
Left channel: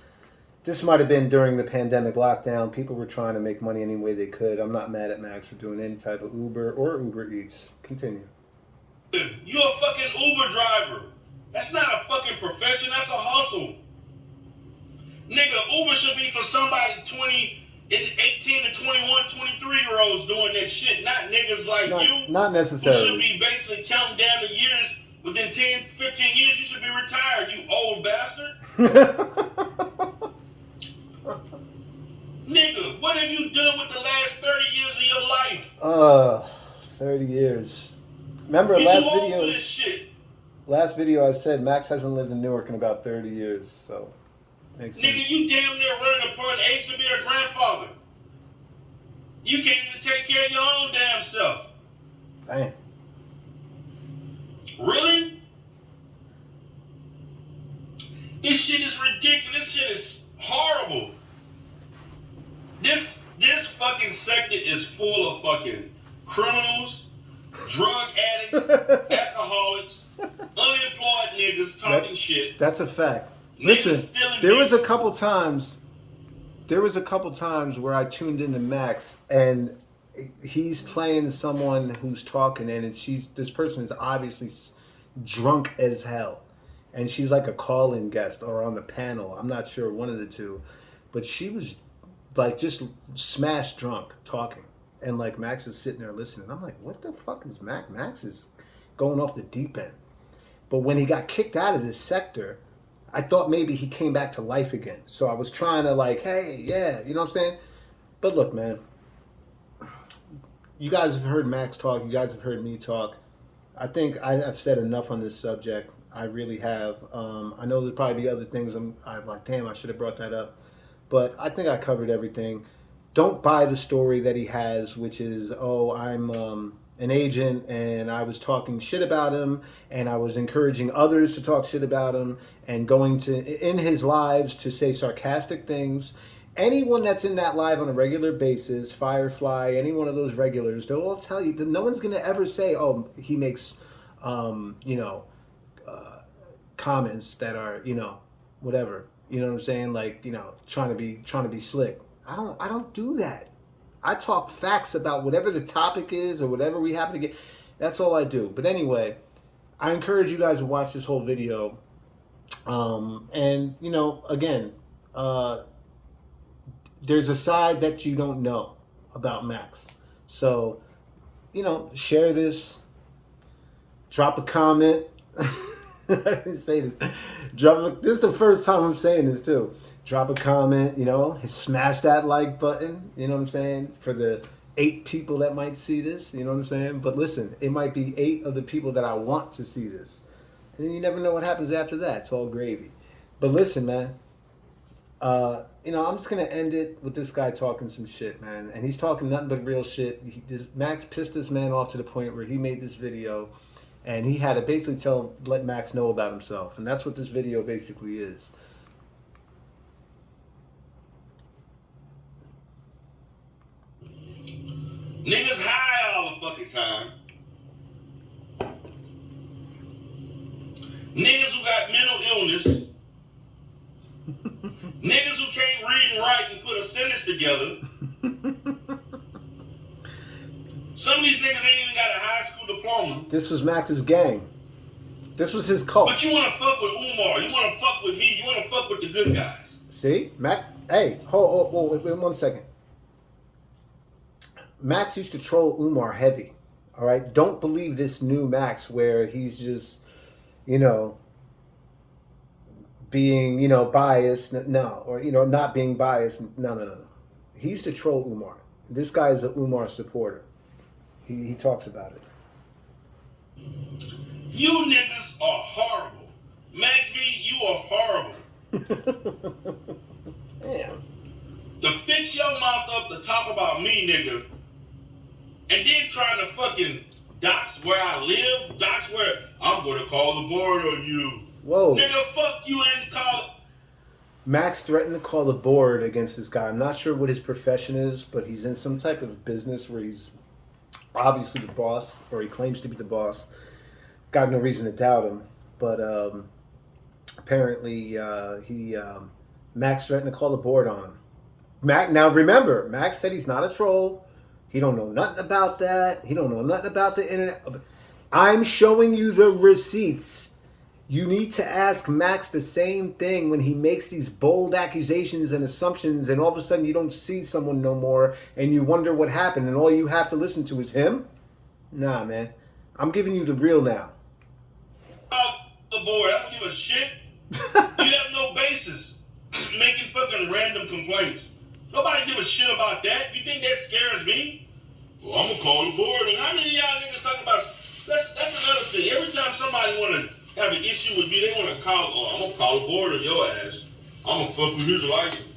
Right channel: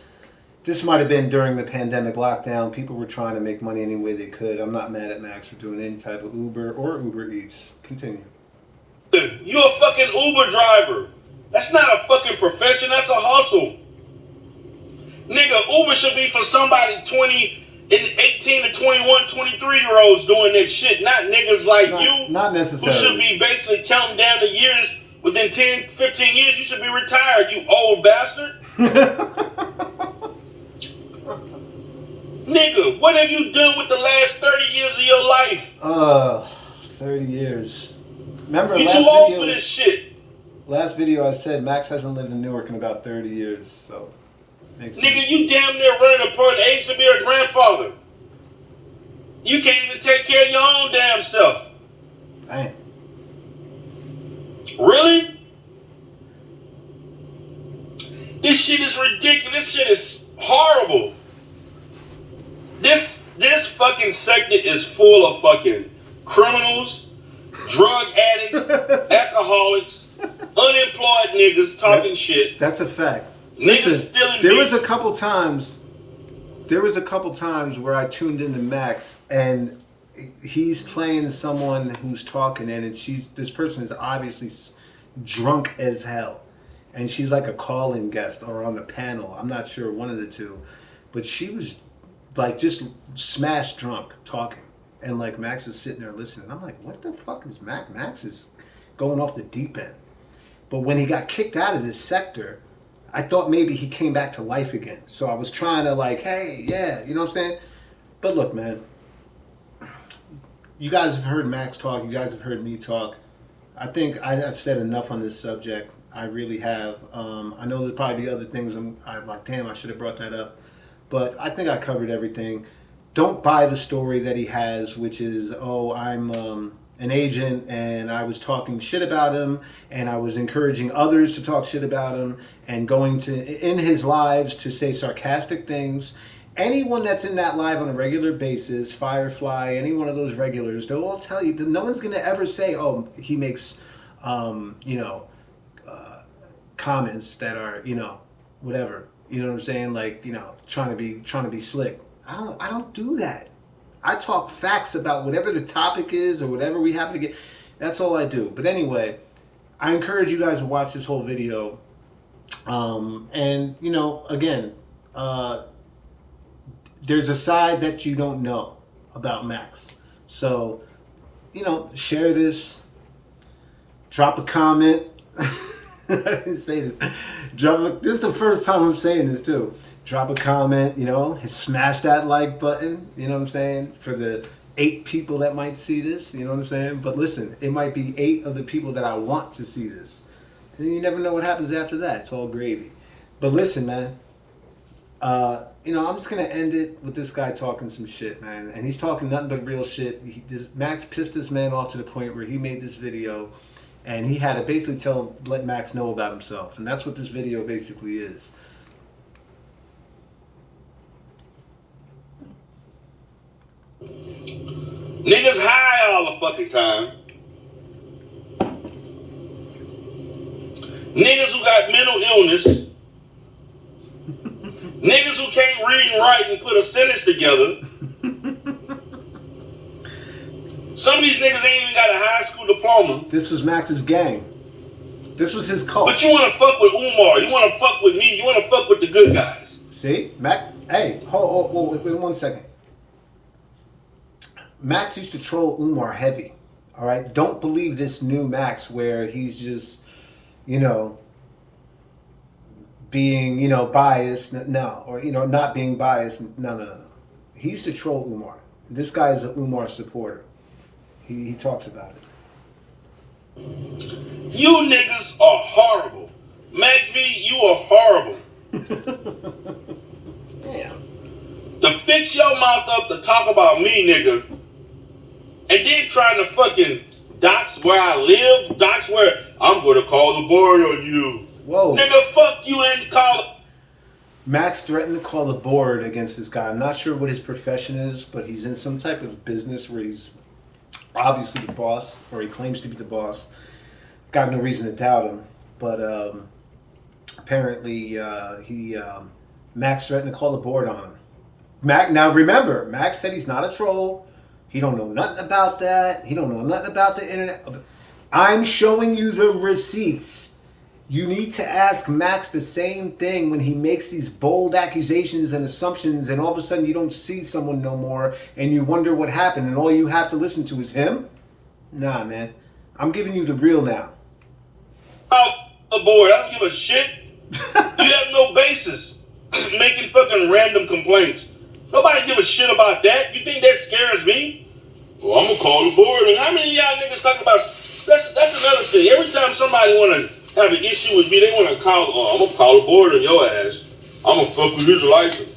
this might have been during the pandemic lockdown. People were trying to make money any way they could. I'm not mad at Max for doing any type of Uber or Uber Eats. Continue. You a fucking Uber driver. That's not a fucking profession. That's a hustle. Nigga, Uber should be for somebody 18 to 21, 23-year-olds doing that shit, not niggas like you. Not who necessarily. should be basically counting down the years. Within 10, 15 years, you should be retired, you old bastard. Nigga, what have you done with the last 30 years of your life? 30 years. Remember You too old for this shit. Last video I said Max hasn't lived in Newark in about 30 years, so makes sense. Nigga, you damn near running upon the age to be a grandfather. You can't even take care of your own damn self. Dang. Really? This shit is ridiculous. This shit is horrible. This fucking sector is full of fucking criminals, drug addicts, alcoholics, unemployed niggas talking shit. That's a fact. Niggas stealing there was beats. a couple times where I tuned into Max and he's playing someone who's talking and this person is obviously drunk as hell. And she's like a call-in guest or on the panel. I'm not sure, one of the two. But she was like just smashed drunk talking. And like Max is sitting there listening. I'm like, what the fuck is Max? Max is going off the deep end. But when he got kicked out of this sector, I thought maybe he came back to life again. So I was trying to like, hey, yeah, you know what I'm saying? But look, man, you guys have heard Max talk. You guys have heard me talk. I think I've said enough on this subject. I really have. I know there's probably other things I'm like, damn, I should have brought that up. But I think I covered everything. Don't buy the story that he has, which is, oh, I'm an agent and I was talking shit about him and I was encouraging others to talk shit about him and going in his lives to say sarcastic things. Anyone that's in that live on a regular basis, Firefly, any one of those regulars, they'll all tell you that no one's going to ever say, oh, he makes, comments that are, whatever. You know what I'm saying? Like, trying to be slick. I don't do that. I talk facts about whatever the topic is or whatever we happen to get. That's all I do. But anyway, I encourage you guys to watch this whole video. And, again, there's a side that you don't know about Max. So, share this. Drop a comment. I didn't say this. This is the first time I'm saying this too. Drop a comment, smash that like button, you know what I'm saying? For the 8 people that might see this, you know what I'm saying? But listen, it might be 8 of the people that I want to see this. And you never know what happens after that. It's all gravy. But listen, man, I'm just going to end it with this guy talking some shit, man. And he's talking nothing but real shit. Max pissed this man off to the point where he made this video and he had to basically let Max know about himself. And that's what this video basically is. Niggas high all the fucking time. Niggas who got mental illness. Niggas who can't read and write and put a sentence together. Some of these niggas ain't even got a high school diploma. This was Max's gang. This was his cult. But you want to fuck with Umar. You want to fuck with me. You want to fuck with the good guys. See? Hey, hold, wait 1 second. Max used to troll Umar heavy. All right? Don't believe this new Max where he's just, being, biased. No. Or, not being biased. No. He used to troll Umar. This guy is an Umar supporter. He talks about it. You niggas are horrible. Max V, you are horrible. Damn. To fix your mouth up to talk about me, nigga, and then trying to fucking dox where I live, dox where I'm going to call the board on you. Whoa. Nigga, fuck you and call. Max threatened to call the board against this guy. I'm not sure what his profession is, but he's in some type of business where he's obviously the boss, or he claims to be the boss. Got no reason to doubt him, but apparently Max threatened to call the board on him. Now remember, Max said he's not a troll. He don't know nothing about that. He don't know nothing about the internet. I'm showing you the receipts. You need to ask Max the same thing when he makes these bold accusations and assumptions, and all of a sudden you don't see someone no more, and you wonder what happened, and all you have to listen to is him? Nah, man. I'm giving you the real now. The board. I don't give a shit. You have no basis making fucking random complaints. Nobody give a shit about that. You think that scares me? Well, I'm gonna call the board. And how many of y'all niggas talking about? That's another thing. Every time somebody wanna have an issue with me, they wanna call. Oh, I'm gonna call the board on your ass. I'm gonna fuck with his license.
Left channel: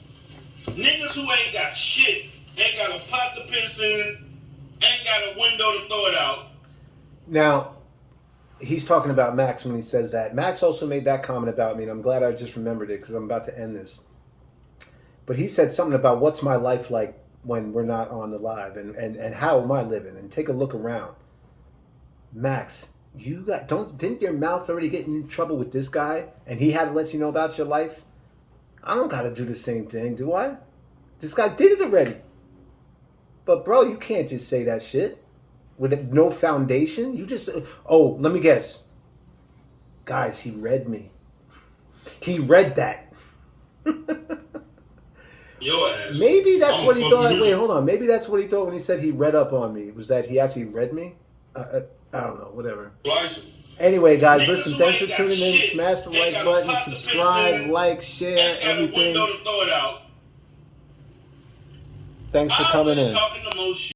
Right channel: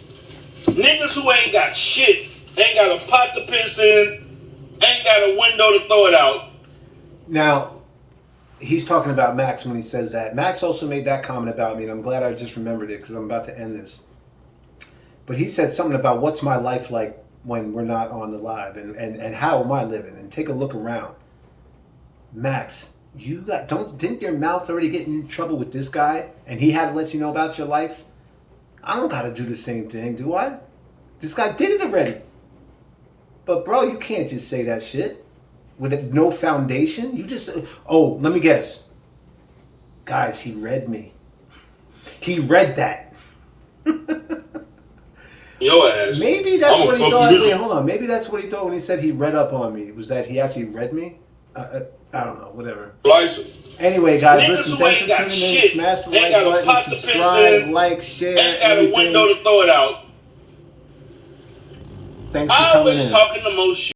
Niggas who ain't got shit, ain't got a pot to piss in, ain't got a window to throw it out. Now, he's talking about Max when he says that. Max also made that comment about me, and I'm glad I just remembered it because I'm about to end this. But he said something about what's my life like when we're not on the live, and how am I living? And take a look around. Max, didn't your mouth already get in trouble with this guy, and he had to let you know about your life? I don't gotta do the same thing, do I? This guy did it already. But bro, you can't just say that shit with no foundation. You just, let me guess. Guys, he read me. He read that. Your ass. Maybe that's what he thought. Wait, hold on. Maybe that's what he thought when he said he read up on me. Was that he actually read me? I don't know. Whatever. License. Anyway, guys, Niggas listen. who Thanks ain't for got tuning in. shit, Smash the ain't like got a button, pot to piss subscribe, in, like, share, ain't got everything. a window to throw it out. Thanks for I coming always in. talking the most shit.